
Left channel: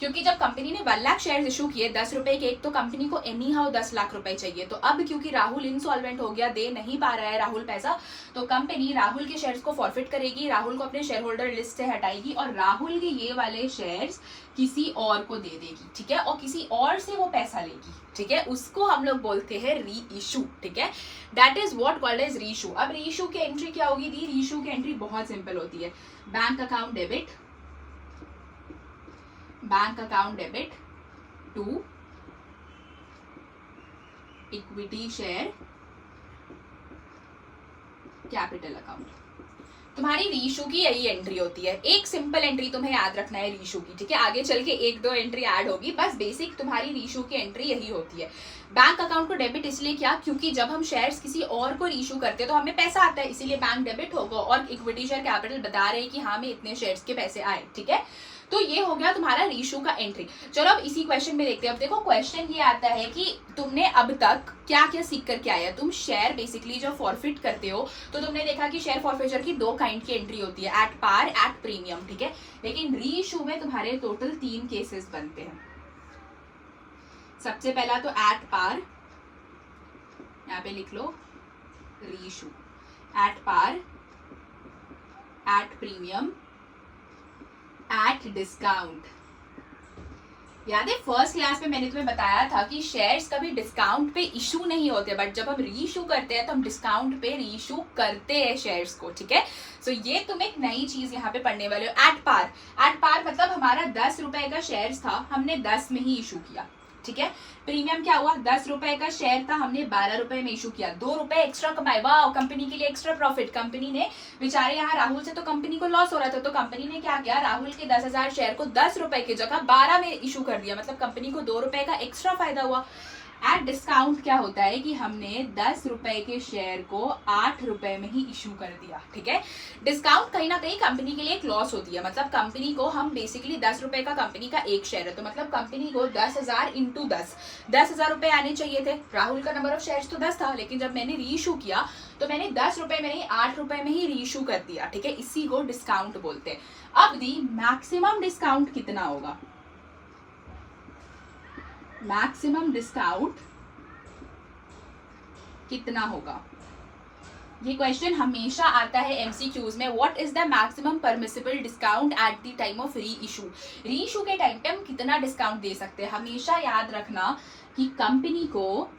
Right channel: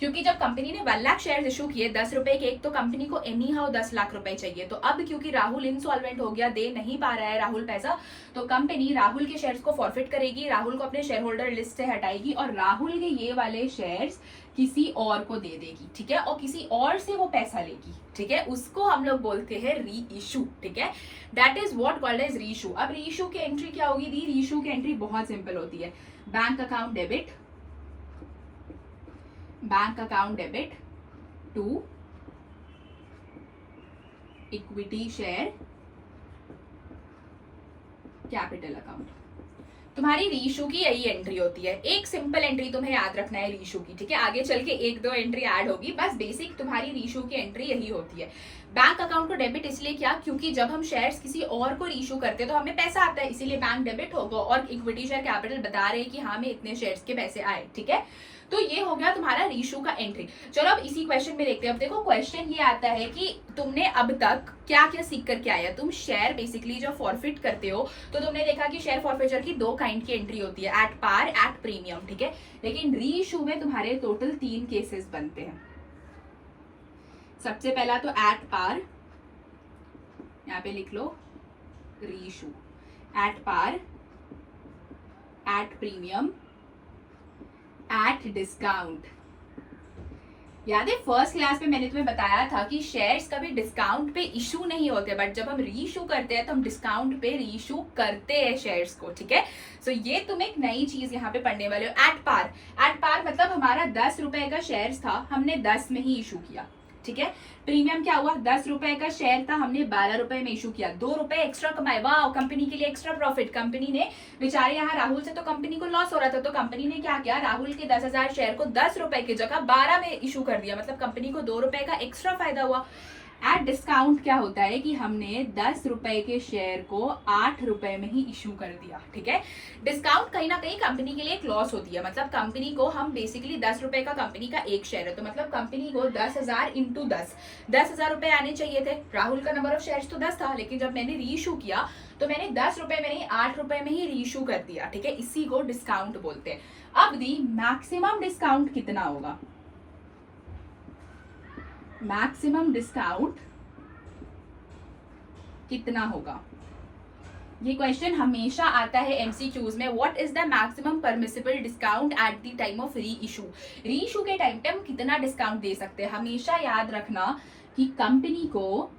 क्योंकि जब कंपनी ने 1 लाख शेयर्स इशू किए 10 रुपए के एक, तो कंपनी को एनी हाउ 10 लाख रुपए चाहिए। तो अब क्योंकि राहुल इनसॉल्वेंट हो गया, दे नहीं पा रहा है राहुल पैसा, तो कंपनी राहुल के शेयर्स को फॉरफिट करेगी, राहुल को अपने शेयर होल्डर लिस्ट से हटाएगी और राहुल के ये वाले शेयर्स किसी और को दे देगी, ठीक है, और किसी और से वो पैसा लेगी, ठीक है। उसको हम लोग बोलते हैं री इशू, ठीक है। That is what called as reissue. अब री इशू की एंट्री क्या होगी दी? री इशू की एंट्री बहुत सिंपल होती है। Bank account debit, bank account debit to equity share capital account. तुम्हारी रीशू की यही एंट्री होती है। एक सिंपल एंट्री तुम्हें याद रखना है रीशू की, ठीक है। आगे चल के 1-2 एंट्री ऐड होगी, बस बेसिक तुम्हारी रीशू की एंट्री यही होती है। बैंक अकाउंट को डेबिट इसलिए किया क्योंकि जब हम शेयर्स किसी और को रीशू करते हैं तो हमें पैसा आता है, इसीलिए बैंक डेबिट होगा, और इक्विटी शेयर कैपिटल बता रहे हैं कि हाँ हमें इतने शेयर्स के पैसे आए, ठीक है। तो ये हो गया तुम्हारा रीशू का एंट्री। चलो अब इसी क्वेश्चन में देखते हैं। अब देखो क्वेश्चन ये आता है कि तुमने अब तक क्या क्या सीख करके आया। तुम शेयर बेसिकली जब फॉरफिट करते हो तो तुमने देखा कि शेयर फॉरफिचर की 2 काइंड की एंट्री होती है, एट पार, एट प्रीमियम, ठीक है। लेकिन रीइशू में तुम्हारे टोटल 3 केसेस बनते हैं। सबसे पहला तो एट पार, यहाँ पे लिख लो reissue, at par, at premium, at discount. याद है फर्स्ट क्लास में मैंने तुम्हें बताया था कि शेयर्स कभी डिस्काउंट पे इशू नहीं होते, बट जब हम रीइशू करते हैं तो हम डिस्काउंट पे रीइशू करते हैं शेयर्स को, ठीक है। सो ये तुम एक नई चीज यहाँ पे पढ़ने वाले हो। एट पार, एट पार मतलब हमारा 10 रुपए का शेयर्स था, हमने 10 में ही इशू किया, ठीक है। प्रीमियम क्या हुआ? 10 रुपए का शेयर था, हमने 12 रुपए में इशू किया, 2 रुपए एक्स्ट्रा कमाए, वाह कंपनी के लिए एक्स्ट्रा प्रॉफिट। कंपनी ने बेचारे यहाँ राहुल से तो कंपनी को लॉस हो रहा था, तो कंपनी ने क्या किया, राहुल के 10,000 शेयर को 10 रुपए की जगह 12 में इशू कर दिया, मतलब कंपनी को 2 रुपए का एक्स्ट्रा फायदा हुआ। एट डिस्काउंट क्या होता है कि हमने 10 रुपए के शेयर को 8 रुपए में ही इशू कर दिया, ठीक है। डिस्काउंट कहीं ना कहीं कंपनी के लिए एक लॉस होती है, मतलब कंपनी को हम बेसिकली 10 रुपए का कंपनी का एक शेयर है, तो मतलब कंपनी को 10,000 इंटू 10,000 रुपए आने चाहिए थे। राहुल का नंबर ऑफ शेयर्स तो 10 था, लेकिन जब मैंने रीइशू किया तो मैंने 10 रुपए में नहीं 8 रुपए में ही रीइशू कर दिया, ठीक है। इसी को डिस्काउंट बोलते हैं। अब दी मैक्सिमम डिस्काउंट कितना होगा? मैक्सिमम डिस्काउंट कितना होगा? ये क्वेश्चन हमेशा आता है एमसीक्यूज में। What is the maximum permissible discount at the time of री इशू? री इशू के टाइम पे हम कितना डिस्काउंट दे सकते हैं? हमेशा याद रखना कि कंपनी को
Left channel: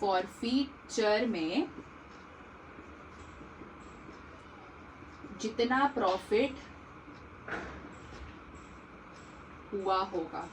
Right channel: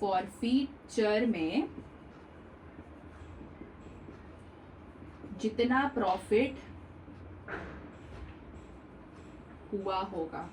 फॉरफीचर में जितना प्रॉफिट हुआ होगा,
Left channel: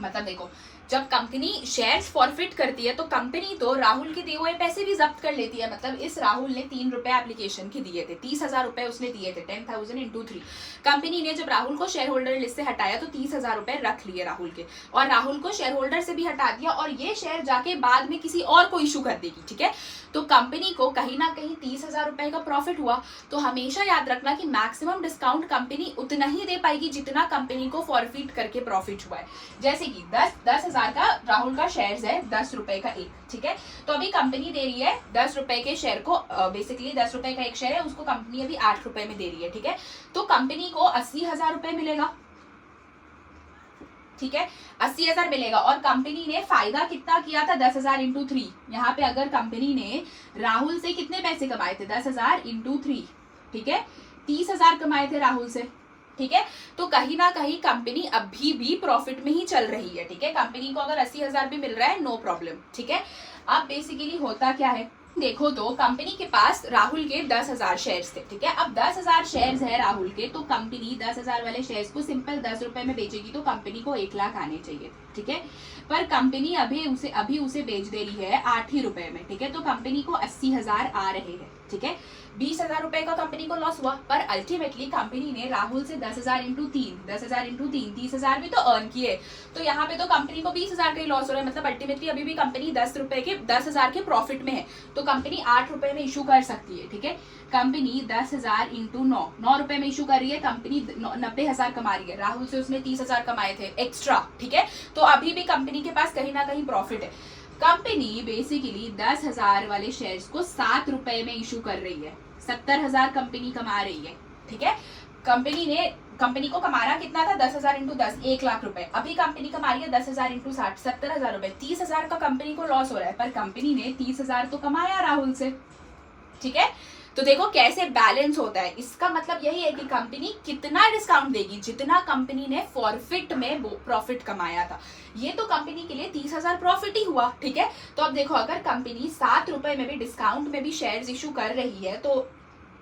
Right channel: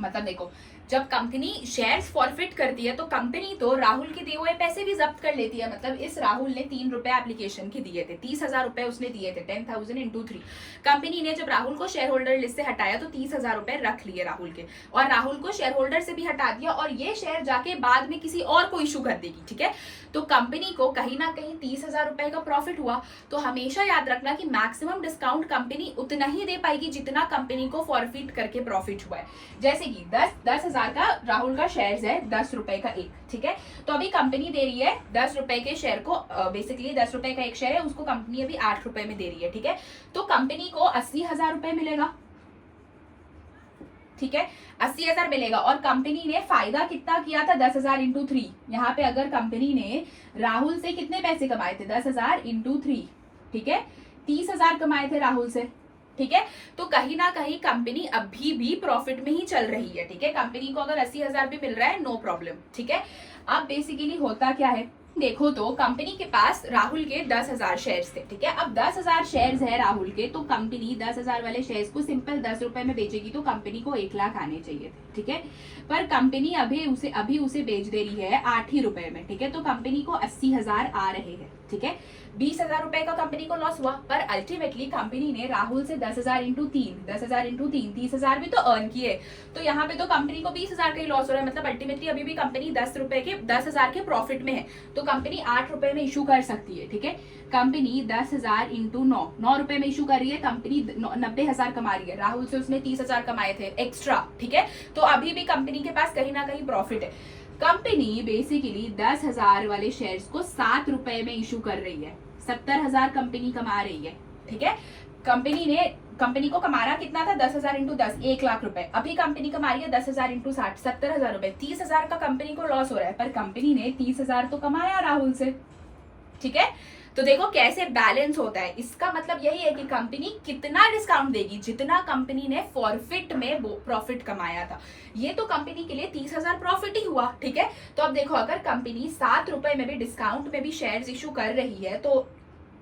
मतलब देखो जब कंपनी शेयर्स फॉरफिट करती है तो कंपनी तो राहुल के दिए हुए पैसे भी जब्त कर लेती है। मतलब इस राहुल ने 3 रुपए एप्लीकेशन के दिए थे, 30,000 रुपए उसने दिए थे, 10,000 इंटू 3। कंपनी ने जब राहुल को शेयर होल्डर लिस्ट से हटाया तो 30,000 रुपए रख लिए राहुल के, और राहुल को शेयर होल्डर से भी हटा दिया, और ये शेयर जाके बाद में किसी और को इशू कर देगी, ठीक है। तो कंपनी को कहीं ना कहीं 30,000 रुपए का प्रॉफिट हुआ। तो हमेशा याद रखना कि मैक्सिमम डिस्काउंट कंपनी उतना ही दे पाएगी जितना कंपनी को फॉरफिट करके प्रॉफिट हुआ है। जैसे कि 10,000 का राहुल का शेयर्स है, 10 रुपए का एक, ठीक है। तो अभी कंपनी दे रही है 10 रुपए के शेयर को, बेसिकली 10 रुपए का एक शेयर है, उसको कंपनी अभी 8 रुपए में दे रही है, ठीक है। तो कंपनी को 80,000 रुपए मिलेगा, ठीक है, 80,000 मिलेगा। और कंपनी ने फायदा कितना किया था? 10,000 इंटू 3। यहाँ पे अगर कंपनी ने राहुल से कितने पैसे कमाए थे? 10,000 इंटू 3, ठीक है, 30,000 कमाए थे राहुल से, ठीक है। तो कहीं ना कहीं कंपनी अभी भी प्रॉफिट में ही चल रही है, ठीक है। कंपनी को अगर 80,000 भी मिल रहा है नो प्रॉब्लम, ठीक है। अब बेसिकली होता क्या है देखो तो कंपनी के पास राहुल के 10,000 शेयर्स थे, ठीक है। अब 10,000 शेयर्स है राहुल के, तो कंपनी 10,000 वाले शेयर्स को सिंपल 10 रुपए में बेचेगी तो कंपनी को 1 लाख आने चाहिए थे, ठीक है। पर कंपनी अभी उसे बेच दे रही है 8 ही रुपए में, ठीक है। तो कंपनी को 80,000 आ रहे हैं, ठीक है। 20,000 रुपए का कंपनी को लॉस हुआ, पर अल्टीमेटली कंपनी ने राहुल से 10,000 इंटू 3 30,000 भी तो अर्न किए। तो यहाँ पे तो कंपनी को 20,000 का ही लॉस हो रहा है, मतलब अल्टीमेटली अभी भी कंपनी 10,000 के प्रॉफिट में है। तो कंपनी 8 रुपए में इशू कर सकती है, ठीक है। कंपनी 10,000 इंटू 9 रुपए में इशू कर रही है, कंपनी 90,000 कमा रही है। राहुल से उसने 30,000 कमाए थे एक्स्ट्रा, ठीक है। तो अभी भी कंपनी के पास कहीं ना कहीं प्रॉफिट है। कंपनी बेसिकली 10,000 वाले शेयर्स को 7 रुपए में इशू कर रही है, 70,000 कंपनी कमा रही है, ठीक है। कंपनी को कमाना कितना था, 10,000 इंटू 10 1 लाख रुपए। अभी कंपनी कमा रही है 10,000 इंटू 60 70,000 रुपए। 30,000 का कंपनी को लॉस हो रहा है, पर कंपनी ने 30,000 तो कमाया राहुल से, ठीक है। तो देखो कैसे बैलेंस होता है। इसका मतलब यही है कि कंपनी कितना डिस्काउंट देगी, जितना कंपनी ने फॉरफिट में प्रॉफिट कमाया था। ये तो कंपनी के लिए 30,000 प्रॉफिट ही हुआ, ठीक है। तो अब देखो अगर कंपनी 7 रुपए में भी डिस्काउंट में भी शेयर्स इशू कर रही है तो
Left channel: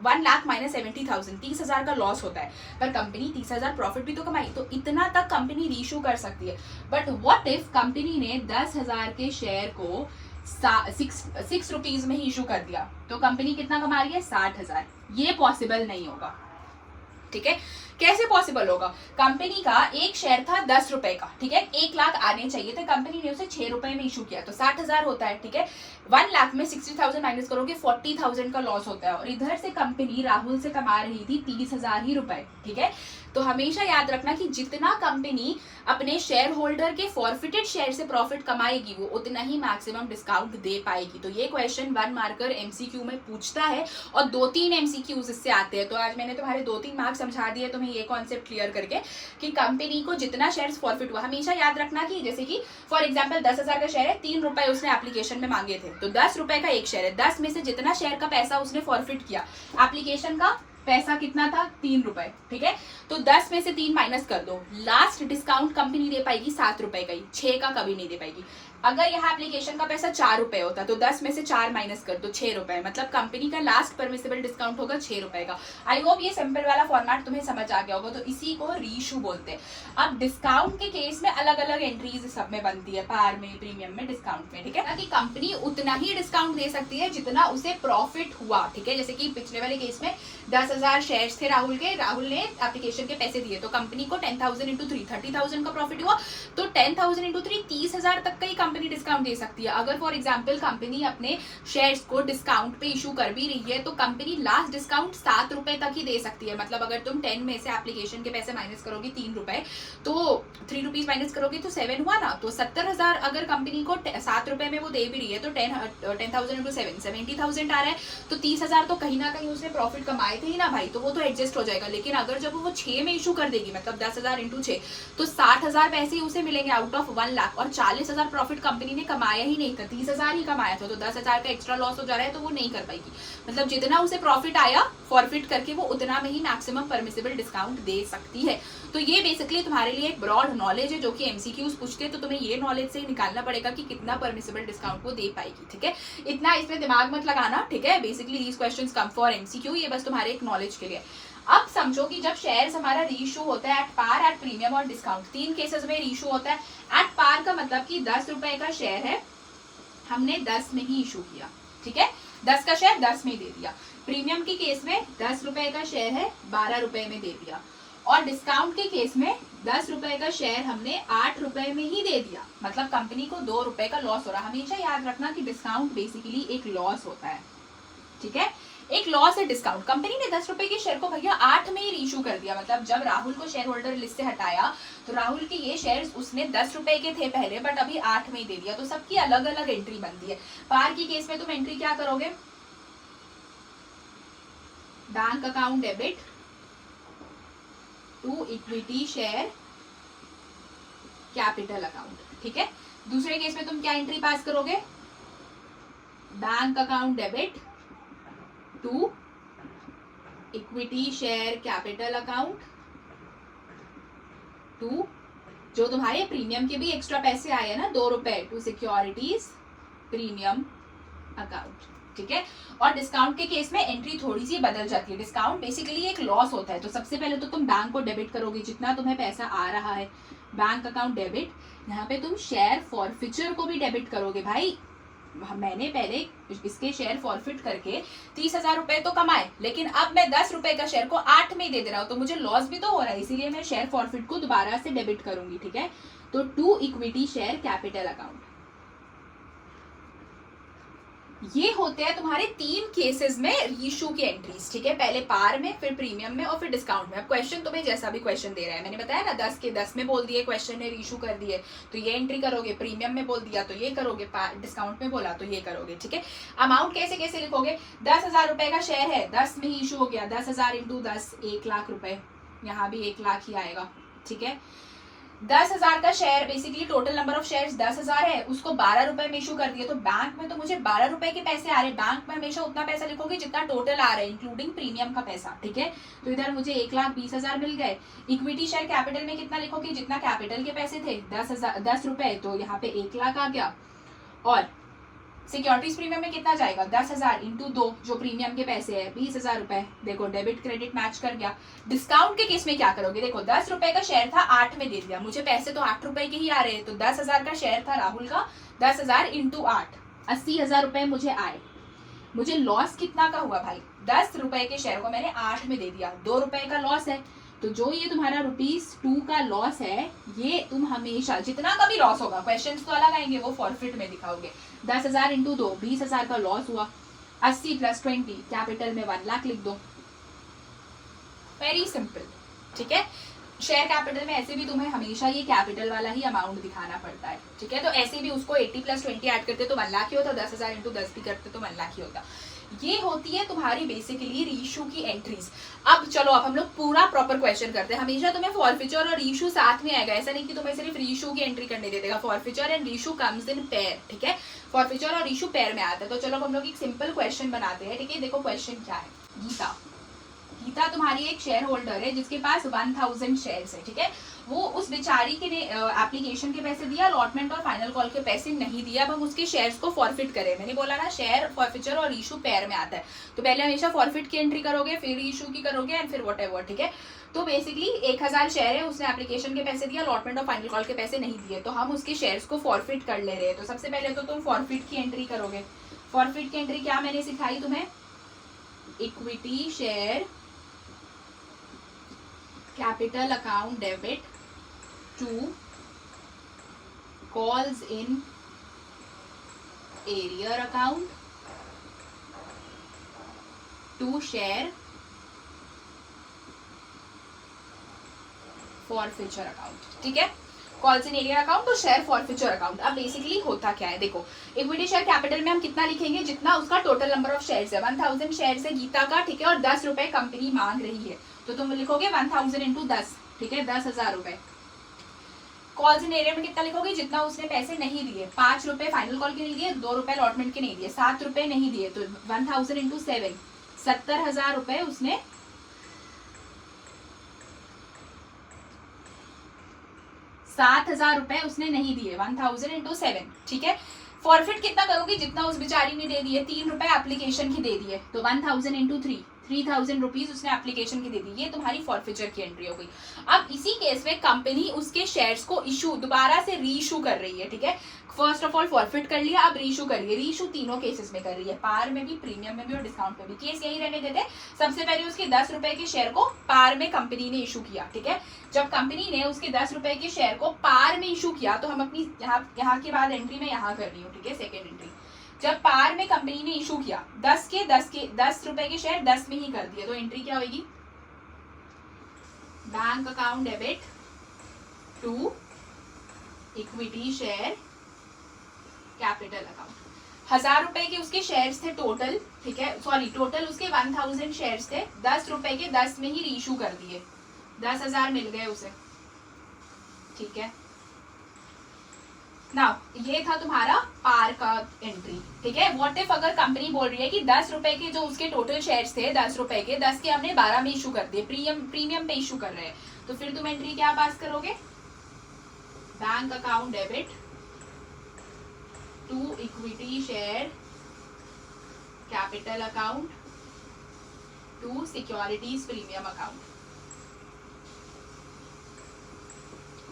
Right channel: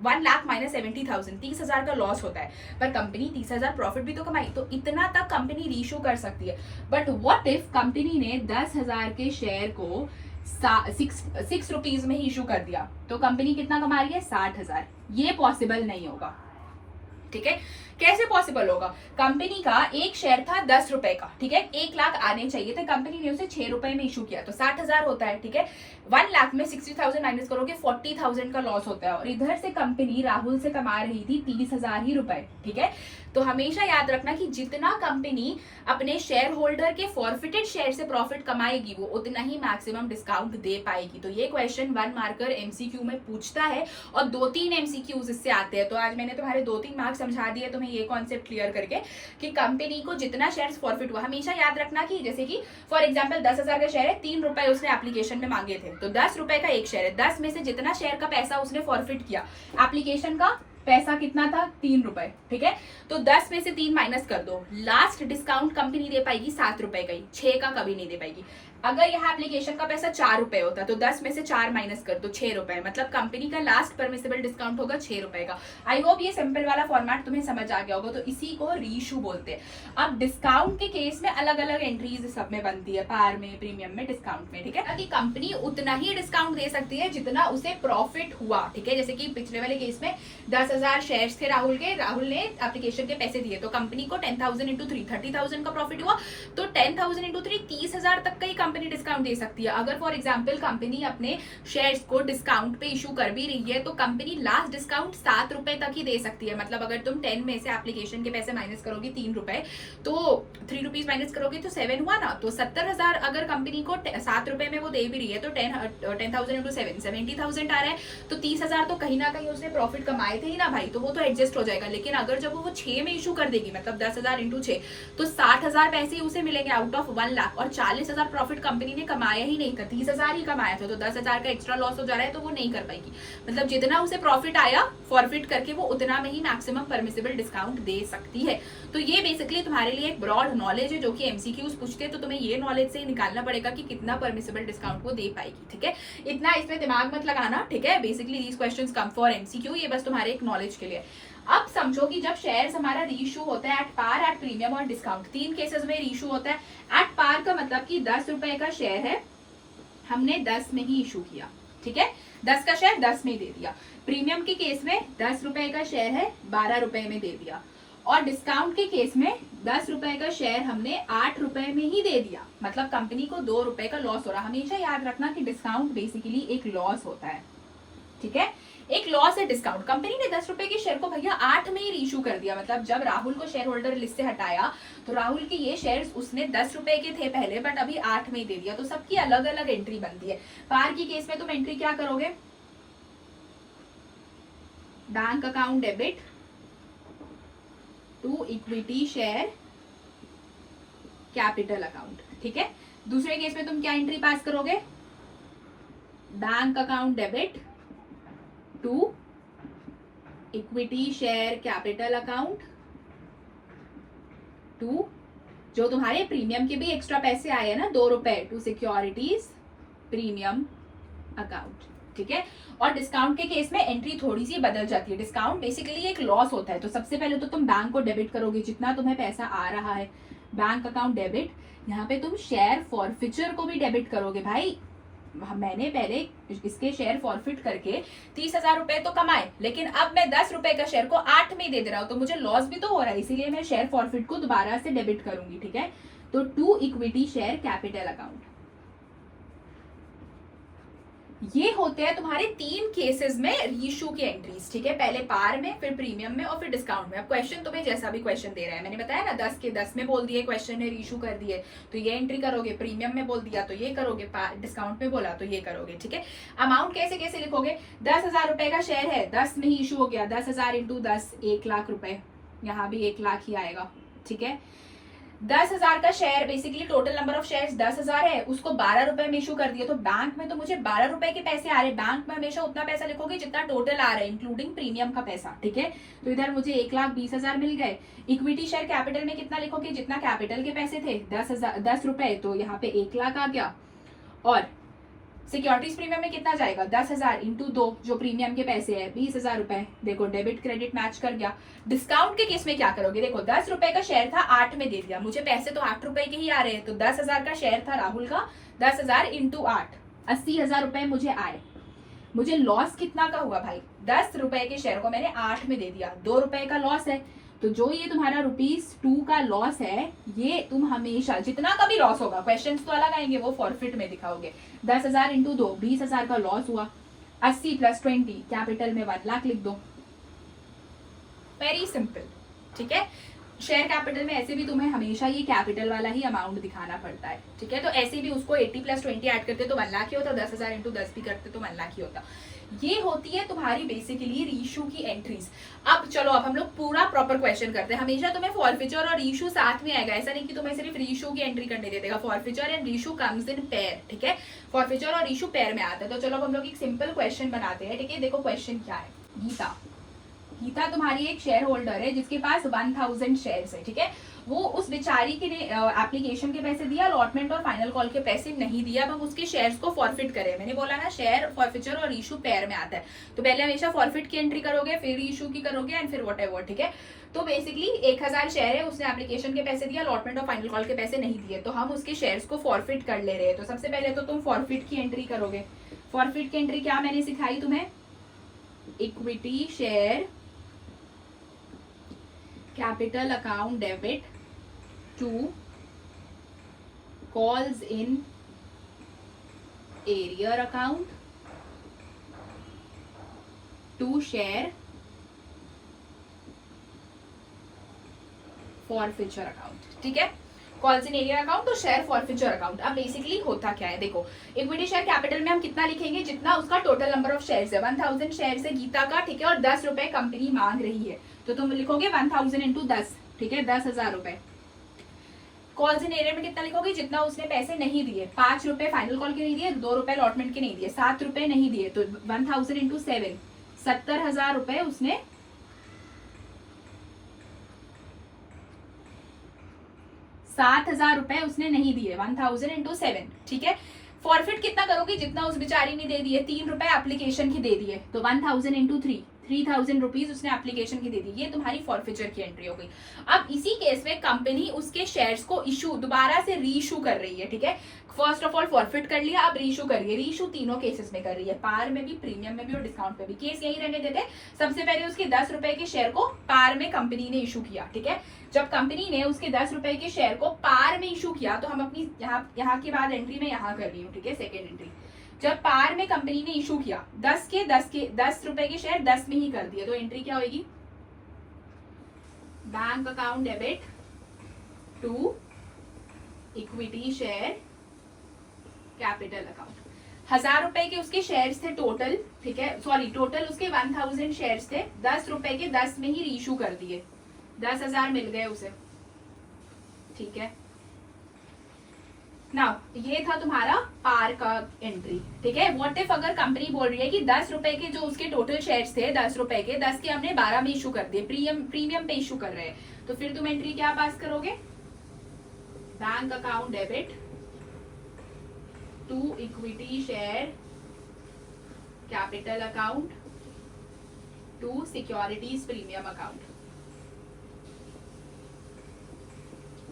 1 लाख माइनस 70,000 30,000 का लॉस होता है, पर कंपनी 30,000 प्रॉफिट भी तो कमाई, तो इतना तक कंपनी रीइशू कर सकती है। बट व्हाट इफ कंपनी ने 10,000 के शेयर को 6 रुपीज में इशू कर दिया, तो कंपनी कितना कमा रही है, 60,000। ये पॉसिबल नहीं होगा, ठीक है। कैसे पॉसिबल होगा, कंपनी का एक शेयर था 10 रुपए का, ठीक है। 1 लाख आने चाहिए थे, कंपनी ने उसे 6 रुपए में इशू किया, तो 60,000 होता है, ठीक है। 1 लाख में 60,000 माइनस करोगे 40,000 का लॉस होता है, और इधर से कंपनी राहुल से कमा रही थी 30,000 ही रुपए, ठीक है। तो हमेशा याद रखना कि जितना कंपनी अपने शेयर होल्डर के फॉरफिटेड शेयर से प्रॉफिट कमाएगी वो उतना ही मैक्सिमम डिस्काउंट दे पाएगी। तो ये क्वेश्चन 1 मार्कर एमसीक्यू में पूछता है, और 2-3 एमसीक्यूज इससे आते हैं। तो आज मैंने तुम्हारे 2-3 मार्क्स समझा दिए तुम्हें ये कॉन्सेप्ट क्लियर करके कि कंपनी को जितना शेयर फॉरफिट हुआ, हमेशा याद रखना कि जैसे कि फॉर एग्जाम्पल 10,000 का शेयर है, 3 रुपए उसने एप्लीकेशन में मांगे थे, तो 10 रुपए का एक शेयर है, 10 में से जितना शेयर का पैसा उसने फॉरफिट किया, एप्लीकेशन का पैसा कितना था, 3 रुपए, ठीक है। तो 10 में से 3 माइनस कर दो, लास्ट डिस्काउंट कंपनी दे पाएगी 7 रुपए का ही, 6 का कभी नहीं दे पाएगी। अगर यहाँ एप्लीकेशन का पैसा 4 रुपए होता तो 10 में से 4 माइनस कर दो, 6 रुपए, मतलब कंपनी का लास्ट परमिसिबल डिस्काउंट होगा 6 रुपए का। आई होप ये सिंपल वाला फॉर्मेट तुम्हें समझ आ गया होगा। तो इसी को रीइशू बोलते हैं। अब डिस्काउंट के केस में अलग अलग एंट्रीज सब में बनती है, पार में, प्रीमियम में, डिस्काउंट में, ठीक है। कि कंपनी उतना ही डिस्काउंट दे सकती है जितना उसे प्रॉफिट हुआ, ठीक है। जैसे कि पिछले वाले केस में 10,000 शेयर्स थे राहुल के, राहुल ने एप्लीकेशन के पैसे दिए, तो कंपनी को 10,000 इंटू 3 30,000 का प्रॉफिट हुआ, तो 10,000 इंटू 3 30,000 तक का ही कंपनी डिस्काउंट दे सकती है। अगर फॉर एग्जांपल कंपनी अपने शेयर्स को डिस्काउंट पे इशू कर भी रही है तो कंपनी लास्ट डिस्काउंट 7 रुपए तक ही दे सकती है। मतलब अगर तुम 10 में से एप्लीकेशन के पैसे माइनस करोगे 3 रुपए, तो 3 रुपीज माइनस करोगे तो 7 हुआ ना। तो 70,000 अगर कंपनी को 7 रुपए में वो दे भी रही है तो 10,000 इंटू 7 70,000 आ रहा है, तो 30,000 तो कहीं ना कहीं उसने प्रॉफिट कमाए थे ही ना भाई, तो वो तो एडजस्ट हो जाएगा। लेकिन अगर जब वो 6 में इशू कर देगी, मतलब 10,000 इंटू 6, तो 60,000 पैसे ही उसे मिलेंगे आउट ऑफ 1 लाख, और 40,000 प्रॉफिट कंपनी ने कमाया ही नहीं था, 30,000 ही कमाया था, तो 10,000 का एक्स्ट्रा लॉस हो जा रहा है, तो वो नहीं कर पाएगी। मतलब जितना उसे प्रॉफिट आया फॉरफिट करके वो उतना में ही मैक्सिमम परमिसिबल डिस्काउंट दे सकती है। तो ये बेसिकली तुम्हारे लिए एक ब्रॉड नॉलेज है जो कि एमसीक्यूज पूछते हैं, तो तुम्हें ये नॉलेज से ही निकालना पड़ेगा कि कितना परमिसिबल डिस्काउंट वो दे पाएगी, ठीक है। इतना इसमें दिमाग मत लगाना, ठीक है। Basically these questions come for MCQ, ये बस तुम्हारे एक नॉलेज के लिए। अब समझो कि जब शेयर्स हमारा रीइशू होता है एट पार, एट प्रीमियम और डिस्काउंट, 3 केसेस में रीइशू होता है। एट पार का मतलब कि 10 रुपए का शेयर है, हमने 10 में ही इशू किया, ठीक है। 10 का शेयर 10 में ही दे दिया। प्रीमियम के केस में 10 रुपए का शेयर है, 12 रुपए में दे दिया। और डिस्काउंट के केस में 10 रुपए का शेयर हमने 8 रुपए में ही दे दिया, मतलब कंपनी को 2 रुपए का लॉस हो रहा है। हमेशा याद रखना कि डिस्काउंट बेसिकली एक लॉस होता है, ठीक है। एक लॉस है डिस्काउंट। कंपनी ने 10 रुपए के शेयर को भैया 8 में ही रीइशू कर दिया, मतलब जब राहुल को शेयर होल्डर लिस्ट से हटाया तो राहुल के ये शेयर्स उसने 10 रुपए के थे पहले, बट अभी 8 में ही दे दिया। तो सबकी अलग अलग एंट्री बनती है। पार की केस में तुम एंट्री क्या करोगे, bank account debit to equity share capital account, ठीक है। दूसरे केस में तुम क्या एंट्री पास करोगे, bank account debit to equity share capital account to, जो तुम्हारे प्रीमियम के भी एक्स्ट्रा पैसे आए हैं ना 2 रुपए, टू सिक्योरिटीज प्रीमियम अकाउंट, ठीक है। और डिस्काउंट के केस में एंट्री थोड़ी सी बदल जाती है। डिस्काउंट बेसिकली एक लॉस होता है। तो सबसे पहले तो तुम बैंक को डेबिट करोगे, जितना तुम्हें पैसा आ रहा है बैंक अकाउंट डेबिट। यहाँ पे तुम शेयर फॉरफिचर को भी डेबिट करोगे। भाई मैंने पहले इसके शेयर फॉरफिट करके 30,000 रुपए तो कमाए, लेकिन अब मैं 10 रुपए का शेयर को 8 में दे रहा हूँ, तो मुझे लॉस भी तो हो रहा है, इसीलिए मैं शेयर फॉरफिट को दोबारा से डेबिट करूंगी। ठीक है, तो to equity share capital account, ये होते हैं तुम्हारे 3 केसेस में रीइश्यू की एंट्रीज। ठीक है, पहले पार में, फिर प्रीमियम में और फिर डिस्काउंट में। अब क्वेश्चन तुम्हें जैसा भी क्वेश्चन दे रहा है, मैंने बताया ना 10 के 10 में बोल दिए क्वेश्चन ने, रीइश्यू कर दिए तो ये एंट्री करोगे, प्रीमियम में बोल दिया तो ये करोगे, डिस्काउंट में बोला तो ये करोगे। ठीक है, अमाउंट कैसे कैसे लिखोगे, 10,000 रुपए का शेयर है, 10 में ही इशू हो गया, 10,000 इंटू 10, 1 लाख रुपए, यहाँ भी 1 लाख ही आएगा। ठीक है, 10,000 का share, basically total number of shares 10,000 है, उसको 12 रुपए में इशू कर दिया, तो बैंक में तो मुझे 12 रुपए के पैसे आ रहे, बैंक में हमेशा उतना पैसा लिखोगे जितना टोटल आ रहा है इंक्लूडिंग प्रीमियम का पैसा। ठीक है, तो इधर मुझे 1,20,000 मिल गए। इक्विटी शेयर कैपिटल में कितना लिखोगे, जितना कैपिटल के पैसे थे 10 रुपए, तो यहाँ पे 1 लाख आ गया। और सिक्योरिटीज प्रीमियम में कितना जाएगा, 10,000 इंटू 2, जो प्रीमियम के पैसे है 20,000 रुपए। देखो डेबिट क्रेडिट मैच कर गया। डिस्काउंट के केस में क्या करोगे, देखो 10 रुपए का शेयर था, 8 में दे दिया, मुझे पैसे तो 8 रुपए के ही आ रहे हैं, तो 10,000 का शेयर था राहुल का, 10,000 इंटू 8, 80,000 रुपए मुझे आए। मुझे लॉस कितना का हुआ भाई, 10 रुपए के शेयर को मैंने 8 में दे दिया, 2 रुपए का लॉस है। तो जो ये तुम्हारा ₹2 का लॉस है, ये तुम हमेशा जितना का भी लॉस होगा, क्वेश्चंस तो अलग आएंगे, वो फॉरफिट में दिखाओगे। 10,000 इंटू 2, 20,000 का लॉस हुआ, 80 + 20 कैपिटल में 1 लाख लिख दो, वेरी सिंपल। ठीक है, शेयर कैपिटल में ऐसे भी तुम्हें हमेशा ये कैपिटल वाला ही अमाउंट दिखाना पड़ता है। ठीक है, तो ऐसे भी उसको 80 + 20 ऐड करते तो 1 लाख ही होता, 10,000 इंटू 10 भी करते तो 1 लाख ही होता। ये होती है तुम्हारी बेसिकली रीइश्यू की एंट्रीज। अब चलो, अब हम लोग पूरा प्रॉपर क्वेश्चन करते हैं। हमेशा तुम्हें फॉरफिचर और रीइश्यू साथ में आएगा, ऐसा नहीं कि तुम्हें सिर्फ रीइश्यू की एंट्री करने दे देगा। Forfeiture and reissue comes in pair. ठीक है, फॉरफिचर और रीइश्यू पेयर में आता है। तो चलो हम लोग एक सिंपल क्वेश्चन बनाते हैं। ठीक है, देखो क्वेश्चन क्या है। गीता तुम्हारी एक शेयर होल्डर है जिसके पास 1000 शेयर्स है। ठीक है, वो उस बेचारी के एप्लीकेशन के पैसे दिया, अलॉटमेंट और फाइनल कॉल के पैसे नहीं दिया। अब हम उसके शेयर्स को फॉरफिट करें। मैंने बोला ना, शेयर फॉरफिचर और इशू पेयर में आता है, तो पहले हमेशा फॉरफिट की एंट्री करोगे, फिर इशू की करोगे एंड फिर वॉट एवर। ठीक है, तो बेसिकली 1000 शेयर है, उसने एप्लीकेशन के पैसे दिया, अलॉटमेंट और फाइनल कॉल के पैसे नहीं दिए, तो हम उसके शेयर्स को फॉरफिट कर ले रहे हैं। तो सबसे पहले तो तुम फॉरफिट की एंट्री करोगे। फॉरफिट की एंट्री क्या मैंने सिखाई तुम्हें, equity share capital account debit to calls in arrear account to share forfeiture account. ठीक है, कॉल्स इन एरियर अकाउंट तो शेयर फॉरफिचर अकाउंट। अब बेसिकली होता क्या है, देखो इक्विटी शेयर कैपिटल में हम कितना लिखेंगे, जितना उसका टोटल नंबर ऑफ शेयर्स है। 1000 शेयर्स है गीता का। ठीक है, और 10 रुपए कंपनी मांग रही है, तो तुम लिखोगे 1000 इंटू 10। ठीक है, 10,000 रुपए। कॉल्स इन एरियर में कितना लिखोगे, जितना उसने पैसे नहीं दिए। 5 रुपए फाइनल कॉल के नहीं दिए, 2 रुपए अलॉटमेंट के नहीं दिए, 7 रुपए नहीं दिए, तो 1000 इंटू 7, 70,000 रुपए उसने 7,000 रुपए उसने नहीं दिए। 1000 इंटू 7। ठीक है, फॉरफिट कितना करोगे, जितना उस बेचारी ने दे दिए। 3 रुपए एप्लीकेशन की दे दिए, तो 1000 इंटू 3, 3000 रुपीज उसने एप्लीकेशन की दे दी। ये तुम्हारी फॉरफिचर की एंट्री हो गई। अब इसी केस में कंपनी उसके शेयर्स को इशू दोबारा से रीइशू कर रही है। ठीक है, फर्स्ट ऑफ ऑल फॉरफिट कर लिया, अब रीइशू कर रही है। रीइशू तीनों केसेस में कर रही है, पार में भी, प्रीमियम में भी और डिस्काउंट में भी। केस यही रहने देते। सबसे पहले उसके 10 रुपए के शेयर को पार में कंपनी ने इशू किया। ठीक है, जब कंपनी ने उसके 10 रुपए के शेयर को पार में इशू किया, तो हम अपनी यहाँ की बाद एंट्री में यहाँ कर रही हूँ। ठीक है, सेकेंड एंट्री, जब पार में कंपनी ने इशू किया, 10 रुपए के शेयर 10 में ही कर दिए, तो एंट्री क्या होगी, bank account debit to equity share capital account. 1000 रुपए के उसके शेयर्स थे टोटल। ठीक है, सॉरी, टोटल उसके 1000 शेयर्स थे, 10 रुपए के 10 में ही रीइशू कर दिए, 10,000 मिल गए उसे। ठीक है, नाउ ये था तुम्हारा पार का एंट्री। ठीक है, व्हाट इफ अगर कंपनी बोल रही है कि 10 रुपए के जो उसके टोटल शेयर्स थे, 10 रुपए के 10 के हमने 12 में इशू कर दिए, प्रीमियम पे इशू कर रहे हैं, तो फिर तुम एंट्री क्या पास करोगे, bank account debit to equity share capital account to securities premium account.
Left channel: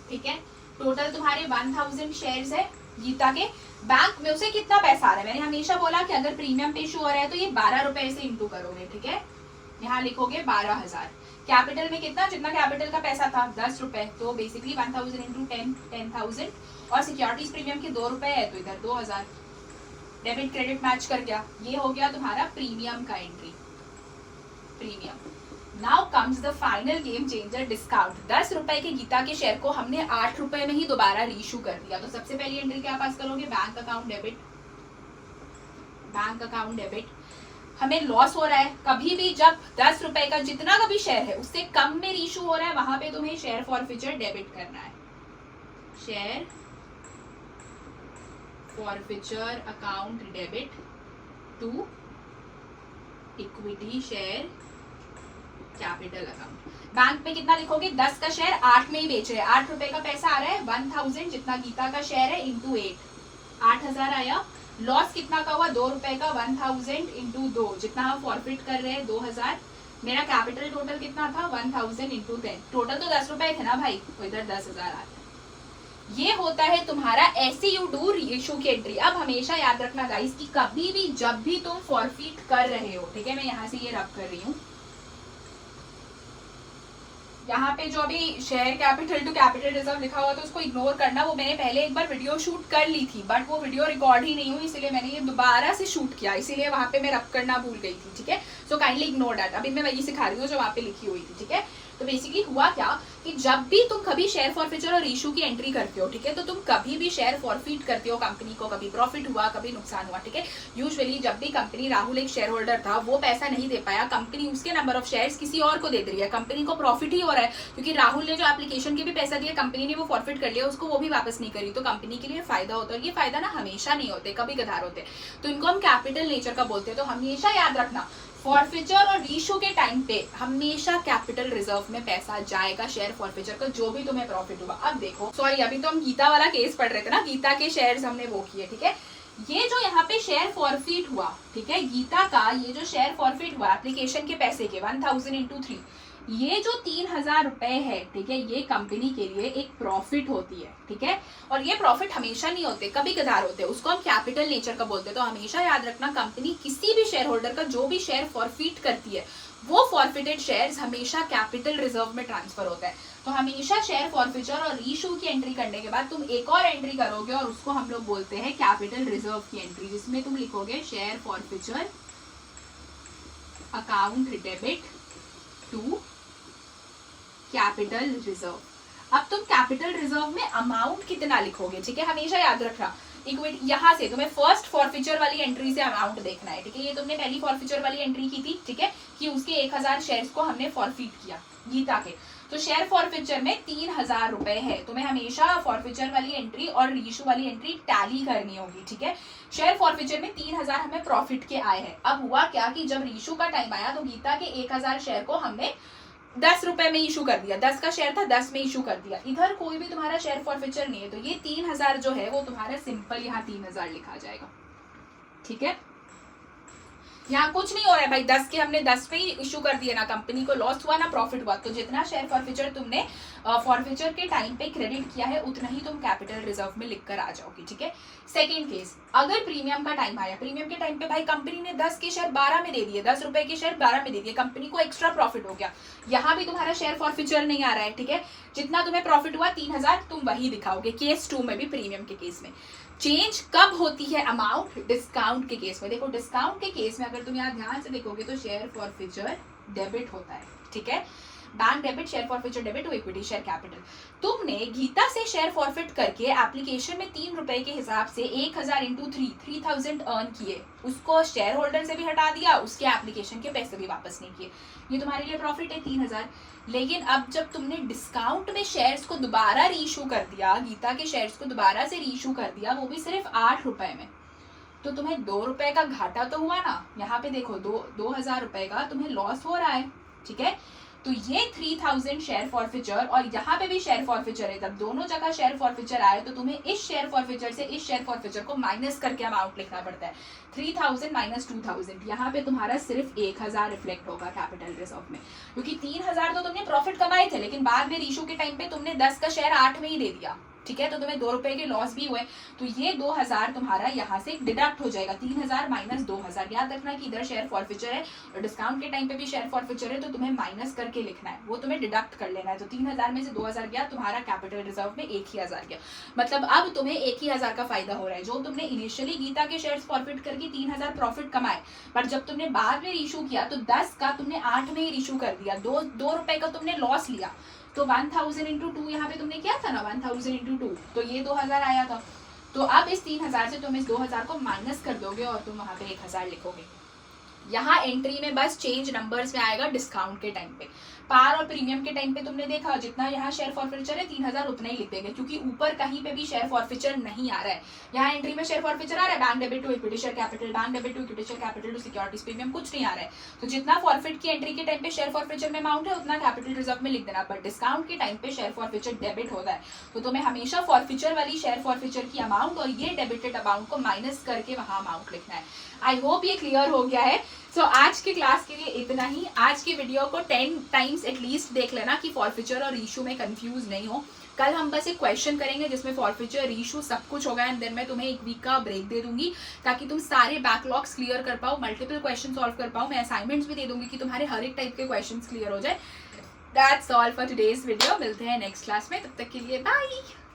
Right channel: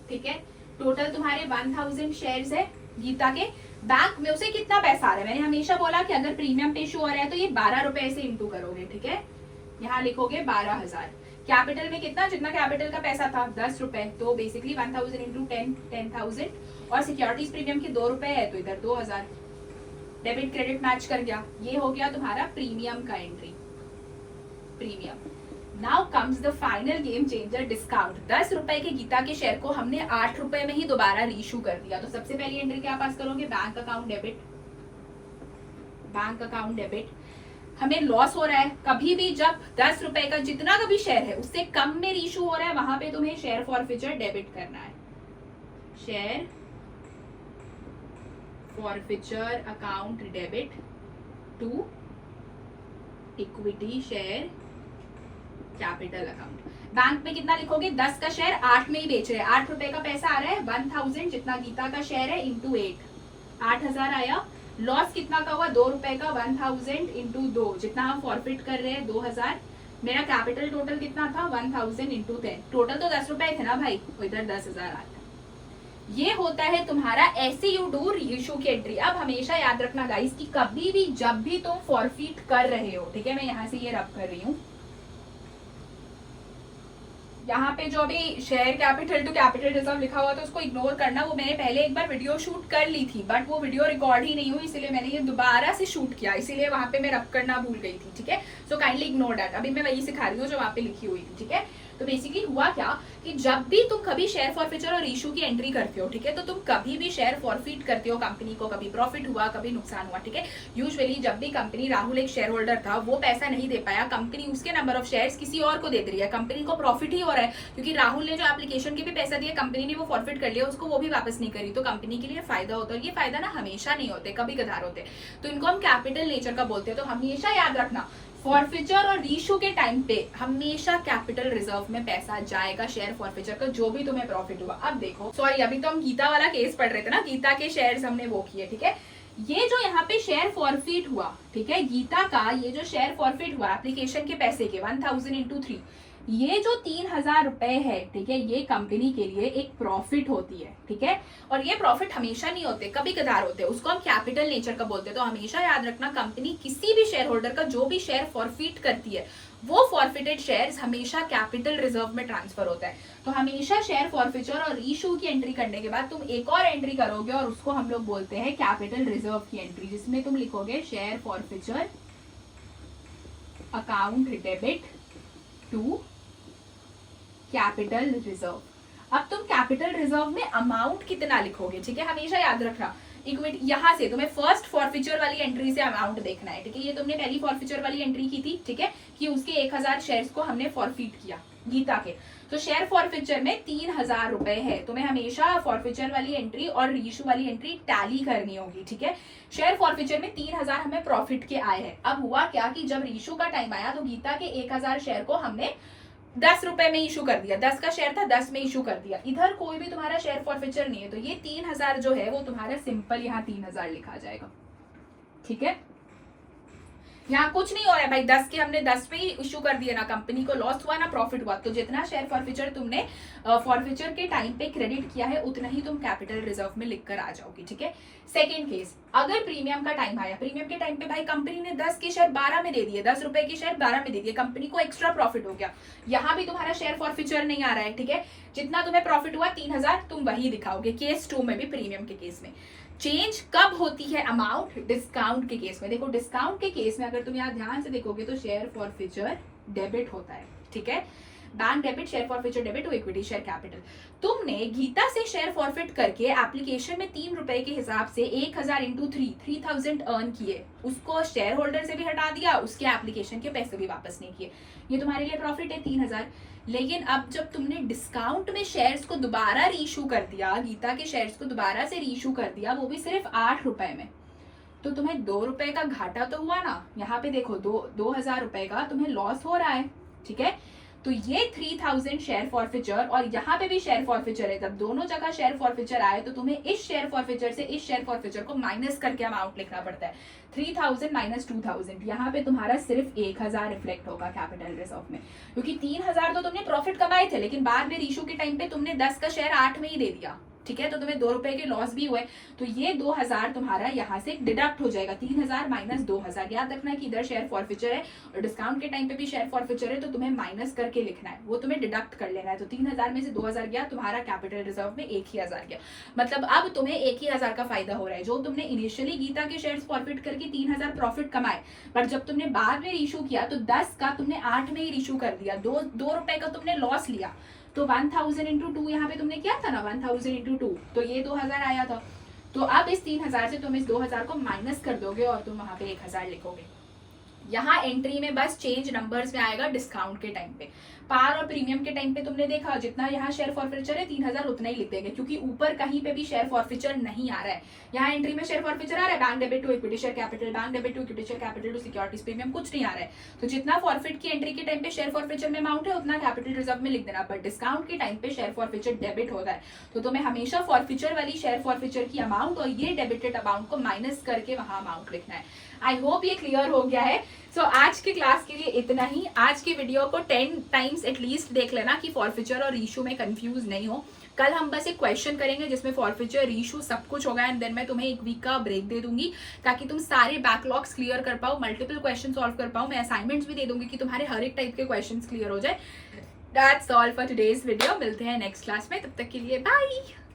ठीक है, टोटल तुम्हारे 1000 शेयर्स है गीता के। बैंक में उसे कितना पैसा आ रहा है, मैंने हमेशा बोला कि अगर प्रीमियम पे शो हो रहा है तो ये 12 रुपए से इंटू करोगे। ठीक है, यहाँ लिखोगे 12,000। कैपिटल में कितना, जितना कैपिटल का पैसा था 10 रुपए, तो बेसिकली 1000 इंटू 10,000, और सिक्योरिटीज प्रीमियम के 2 रुपए है तो इधर 2000। डेबिट क्रेडिट मैच कर गया, ये हो गया तुम्हारा प्रीमियम का entry, premium. Now comes the final game changer, discount. 10 रुपए के गीता के शेयर को हमने 8 रुपए में ही दोबारा रीइश्यू कर दिया, तो सबसे पहली एंट्री क्या पास करोगे, bank account debit. Bank account debit, हमें लॉस हो रहा है कभी भी जब 10 रुपए का जितना का भी शेयर है उससे कम में रीइश्यू हो रहा है, वहां पे तुम्हें शेयर फॉरफीचर डेबिट करना है। Share forfeiture account debit to equity share capital account. Bank में कितना लिखोगे, 10 का शेयर 8 में ही बेच रहे हैं, 8 रुपए का पैसा आ रहा है, 1000 जितना गीता का शेयर है इंटू 8, 8000 आया। लॉस कितना का हुआ, 2 रुपए का, 1000 इंटू 2, जितना हम फॉरफिट कर रहे हैं 2000। मेरा कैपिटल टोटल कितना था, 1000 इंटू 10, टोटल तो 10 रुपए थे ना भाई, तो इधर 10,000 आ गया। ये होता है तुम्हारा ऐसे यू डू रीइश्यू की एंट्री। अब हमेशा याद रखना गाइस कि कभी भी जब भी तुम फॉरफिट कर रहे हो, ठीक है, मैं यहाँ से ये रब कर रही हूँ, यहाँ पे जो अभी share capital to capital reserve लिखा हुआ तो उसको इग्नोर करना, वो मैंने पहले एक बार वीडियो शूट कर ली थी बट वो वीडियो रिकॉर्ड ही नहीं हुई, इसीलिए मैंने ये दोबारा से शूट किया, इसीलिए वहां पे मैं रब करना भूल गई थी। ठीक है, सो काइंडली इग्नोर दैट। अभी मैं वही सिखा रही हूँ जो वहां पे लिखी हुई थी। ठीक है, तो बेसिकली हुआ क्या कि जब भी तुम कभी शेयर फॉरफीचर और इशू की एंट्री करते हो, ठीक है, तो तुम कभी भी शेयर फॉरफीट करते हो कंपनी को, कभी प्रॉफिट हुआ कभी नुकसान हुआ। ठीक है, यूजुअली जब भी कंपनी, राहुल एक शेयर होल्डर था, वो पैसा नहीं दे पाया, कंपनी उसके नंबर ऑफ शेयर्स किसी और को दे रही है, कंपनी को प्रॉफिट ही हो रहा है क्योंकि राहुल ने जो एप्लीकेशन के भी पैसा दिया, कंपनी ने वो फॉरफिट कर लिया, उसको वो भी वापस नहीं करी, तो कंपनी के लिए फायदा होता है। ये फायदा ना हमेशा नहीं होते, कभी कभार होते, तो इनको हम कैपिटल नेचर का बोलते हैं। तो हमेशा याद रखना फॉरफीचर और रीइश्यू के टाइम पे हमेशा कैपिटल रिजर्व में पैसा जाएगा शेयर फॉरफीचर का, जो भी तुम्हें प्रॉफिट हुआ। अब देखो, सॉरी अभी तो हम गीता वाला केस पढ़ रहे थे ना, गीता के शेयर्स हमने वो किए। ठीक है, ये जो यहाँ पे शेयर फॉरफिट हुआ, ठीक है, गीता का ये जो शेयर फॉरफिट हुआ एप्लीकेशन के पैसे के 1000 इंटू 3, ये जो 3000 रुपए है, ठीक है, ये कंपनी के लिए एक प्रॉफिट होती है। ठीक है, और ये प्रॉफिट हमेशा नहीं होते, कभी कभार होते हैं, उसको हम कैपिटल नेचर का बोलते हैं। तो हमेशा याद रखना, कंपनी किसी भी शेयर होल्डर का जो भी शेयर फॉरफिट करती है, वो फॉरफिटेड शेयर्स हमेशा कैपिटल रिजर्व में ट्रांसफर होता है। तो हमेशा शेयर फॉरफिचर और रीइश्यू की एंट्री करने के बाद तुम एक और एंट्री करोगे और उसको हम लोग बोलते हैं कैपिटल रिजर्व की एंट्री, जिसमें तुम लिखोगे share forfeiture account debit to capital reserve. अब तुम कैपिटल रिजर्व में अमाउंट कितना लिखोगे, ठीक है, हमेशा याद रखना। इक्विटी, यहाँ से तुम्हें फर्स्ट फॉरफीचर वाली एंट्री से अमाउंट देखना है। ठीक है, ये तुमने पहली फॉरफीचर वाली एंट्री की थी, ठीक है, कि उसके 1000 शेयर्स को हमने फॉरफिट किया गीता के, तो शेयर फॉरफीचर में 3000 रुपए है। तुम्हें हमेशा फॉरफीचर वाली एंट्री और रीइश्यू वाली एंट्री टैली करनी होगी। ठीक है, शेयर फॉरफीचर में 3000 हमें प्रॉफिट के आए हैं। अब हुआ क्या कि जब रीइश्यू का टाइम आया तो गीता के 1000 शेयर को हमने 10 रुपए में इशू कर दिया, 10 का शेयर था 10 में इशू कर दिया, इधर कोई भी तुम्हारा शेयर फॉरफीचर नहीं है, तो ये 3000 जो है वो तुम्हारा सिंपल यहाँ 3000 लिखा जाएगा। ठीक है, यहाँ कुछ नहीं हो रहा है भाई, 10 के हमने 10 पे ही इशू कर दिया, ना कंपनी को लॉस हुआ ना प्रॉफिट हुआ, तो जितना शेयर फॉरफीचर तुमने फॉरफीचर के टाइम पे क्रेडिट किया है उतना ही तुम कैपिटल रिजर्व में लिख कर आ जाओगे। ठीक है, सेकेंड केस, अगर प्रीमियम का टाइम आया, प्रीमियम के टाइम पे भाई कंपनी ने 10 के शेयर 12 में दे दिए, 10 रुपए के शेयर 12 में दे दिए, कंपनी को एक्स्ट्रा प्रॉफिट हो गया, यहाँ भी तुम्हारा शेयर फॉरफीचर नहीं आ रहा है। ठीक है, जितना तुम्हें प्रॉफिट हुआ 3000 तुम वही दिखाओगे, केस 2 में भी प्रीमियम के केस में। चेंज कब होती है अमाउंट, डिस्काउंट के केस में। देखो डिस्काउंट के केस में अगर तुम यहाँ ध्यान से देखोगे तो शेयर फॉरफीचर डेबिट होता है। ठीक है, bank debit, share forfeiture debit to equity share capital. तुमने गीता से शेयर फॉरफिट करके एप्लीकेशन में 3 रुपए के हिसाब से 1000 इंटू 3000 अर्न किए, उसको शेयर होल्डर से भी हटा दिया, उसके एप्लीकेशन के पैसे भी वापस नहीं किए, ये तुम्हारे लिए प्रॉफिट है 3000। लेकिन अब जब तुमने डिस्काउंट में शेयर्स को दोबारा रीइश्यू कर दिया, गीता के शेयर्स को दोबारा से रीइश्यू कर दिया, वो भी सिर्फ 8 रुपए में, तो तुम्हें 2 रुपए का घाटा तो हुआ ना। यहाँ पे देखो 2000 रुपए का तुम्हें लॉस हो रहा है। ठीक है, तो ये 3000 शेयर फॉरफिचर और यहाँ पे भी शेयर फॉरफिचर है, जब दोनों जगह शेयर फॉरफिचर आए तो तुम्हें इस शेयर फॉरफिचर से इस शेयर फॉरफिचर को माइनस करके अमाउंट लिखना पड़ता है। 3000 माइनस 2000, यहाँ पे तुम्हारा सिर्फ 1000 रिफ्लेक्ट होगा कैपिटल रिजर्व में, क्योंकि 3000 तो तुमने प्रॉफिट कमाए थे, लेकिन बाद में इशू के टाइम पे तुमने 10 का शेयर 8 में ही दे दिया, ठीक है, तो तुम्हें 2 रुपए के लॉस भी हुए, तो ये 2000 तुम्हारा यहाँ से डिडक्ट हो जाएगा। 3000 माइनस 2000, याद रखना कि इधर शेयर फॉरफिचर है और डिस्काउंट के टाइम पे भी शेयर फॉरफिचर है, तो तुम्हें माइनस करके लिखना है, वो तुम्हें डिडक्ट कर लेना है। तो 3000 में से 2000 गया, तुम्हारा कैपिटल रिजर्व में 1000 गया, मतलब अब तुम्हें 1000 का फायदा हो रहा है। जो तुमने इनिशियली गीता के शेयर फॉरफिट करके 3000 प्रॉफिट कमाए, पर जब तुमने बाद में इशू किया तो 10 का तुमने 8 में ही इशू कर दिया, 2 रुपए का तुमने लॉस लिया, तो 1000 इंटू 2 यहाँ पे तुमने किया था ना, 1000 इंटू 2, तो ये 2000 आया था। तो अब इस 3000 से तुम इस 2000 को माइनस कर दोगे और तुम वहां पे 1000 लिखोगे। यहाँ एंट्री में बस चेंज नंबर्स में आएगा डिस्काउंट के टाइम पे। पार और प्रीमियम के टाइम पे तुमने देखा जितना यहाँ शेयर फॉरफिचर है 3000 उतना ही लिखेंगे, क्योंकि ऊपर कहीं पे भी शेयर फॉरफिचर नहीं आ रहा है। यहाँ एंट्री में शेयर फॉरफिचर आ रहा है, bank debit to equity share capital, bank debit to equity share capital to securities premium, कुछ नहीं आ रहा है। तो जितना फॉरफिट की एंट्री के टाइम पे शेयर फॉरफिचर में अमाउंट है उतना कैपिटल रिजर्व में लिख देना, बट डिस्काउंट के टाइम पे शेयर फॉरफिचर डेबिट होता है, तो तुम्हें हमेशा फॉरफिचर वाली शेयर फॉरफिचर की अमाउंट और ये डेबिटेड अमाउंट को माइनस करके वहां अमाउंट लिखना है। आई होप ये क्लियर हो गया है। सो आज की क्लास के लिए इतना ही। आज की वीडियो को 10 टाइम्स एटलीस्ट देख लेना कि फॉरफिचर और इशू में कंफ्यूज नहीं हो। कल हम बस एक क्वेश्चन करेंगे जिसमें फॉरफिचर इशू सब कुछ होगा, एंड देन मैं तुम्हें एक वीक का ब्रेक दे दूंगी ताकि तुम सारे बैकलॉग्स क्लियर कर पाओ, मल्टीपल क्वेश्चन सॉल्व कर पाओ। मैं असाइनमेंट्स भी दे दूंगी कि तुम्हारे हर एक टाइप के क्वेश्चन क्लियर हो जाए। That's all for today's video. मिलते हैं नेक्स्ट क्लास में, तब तक के लिए बाय।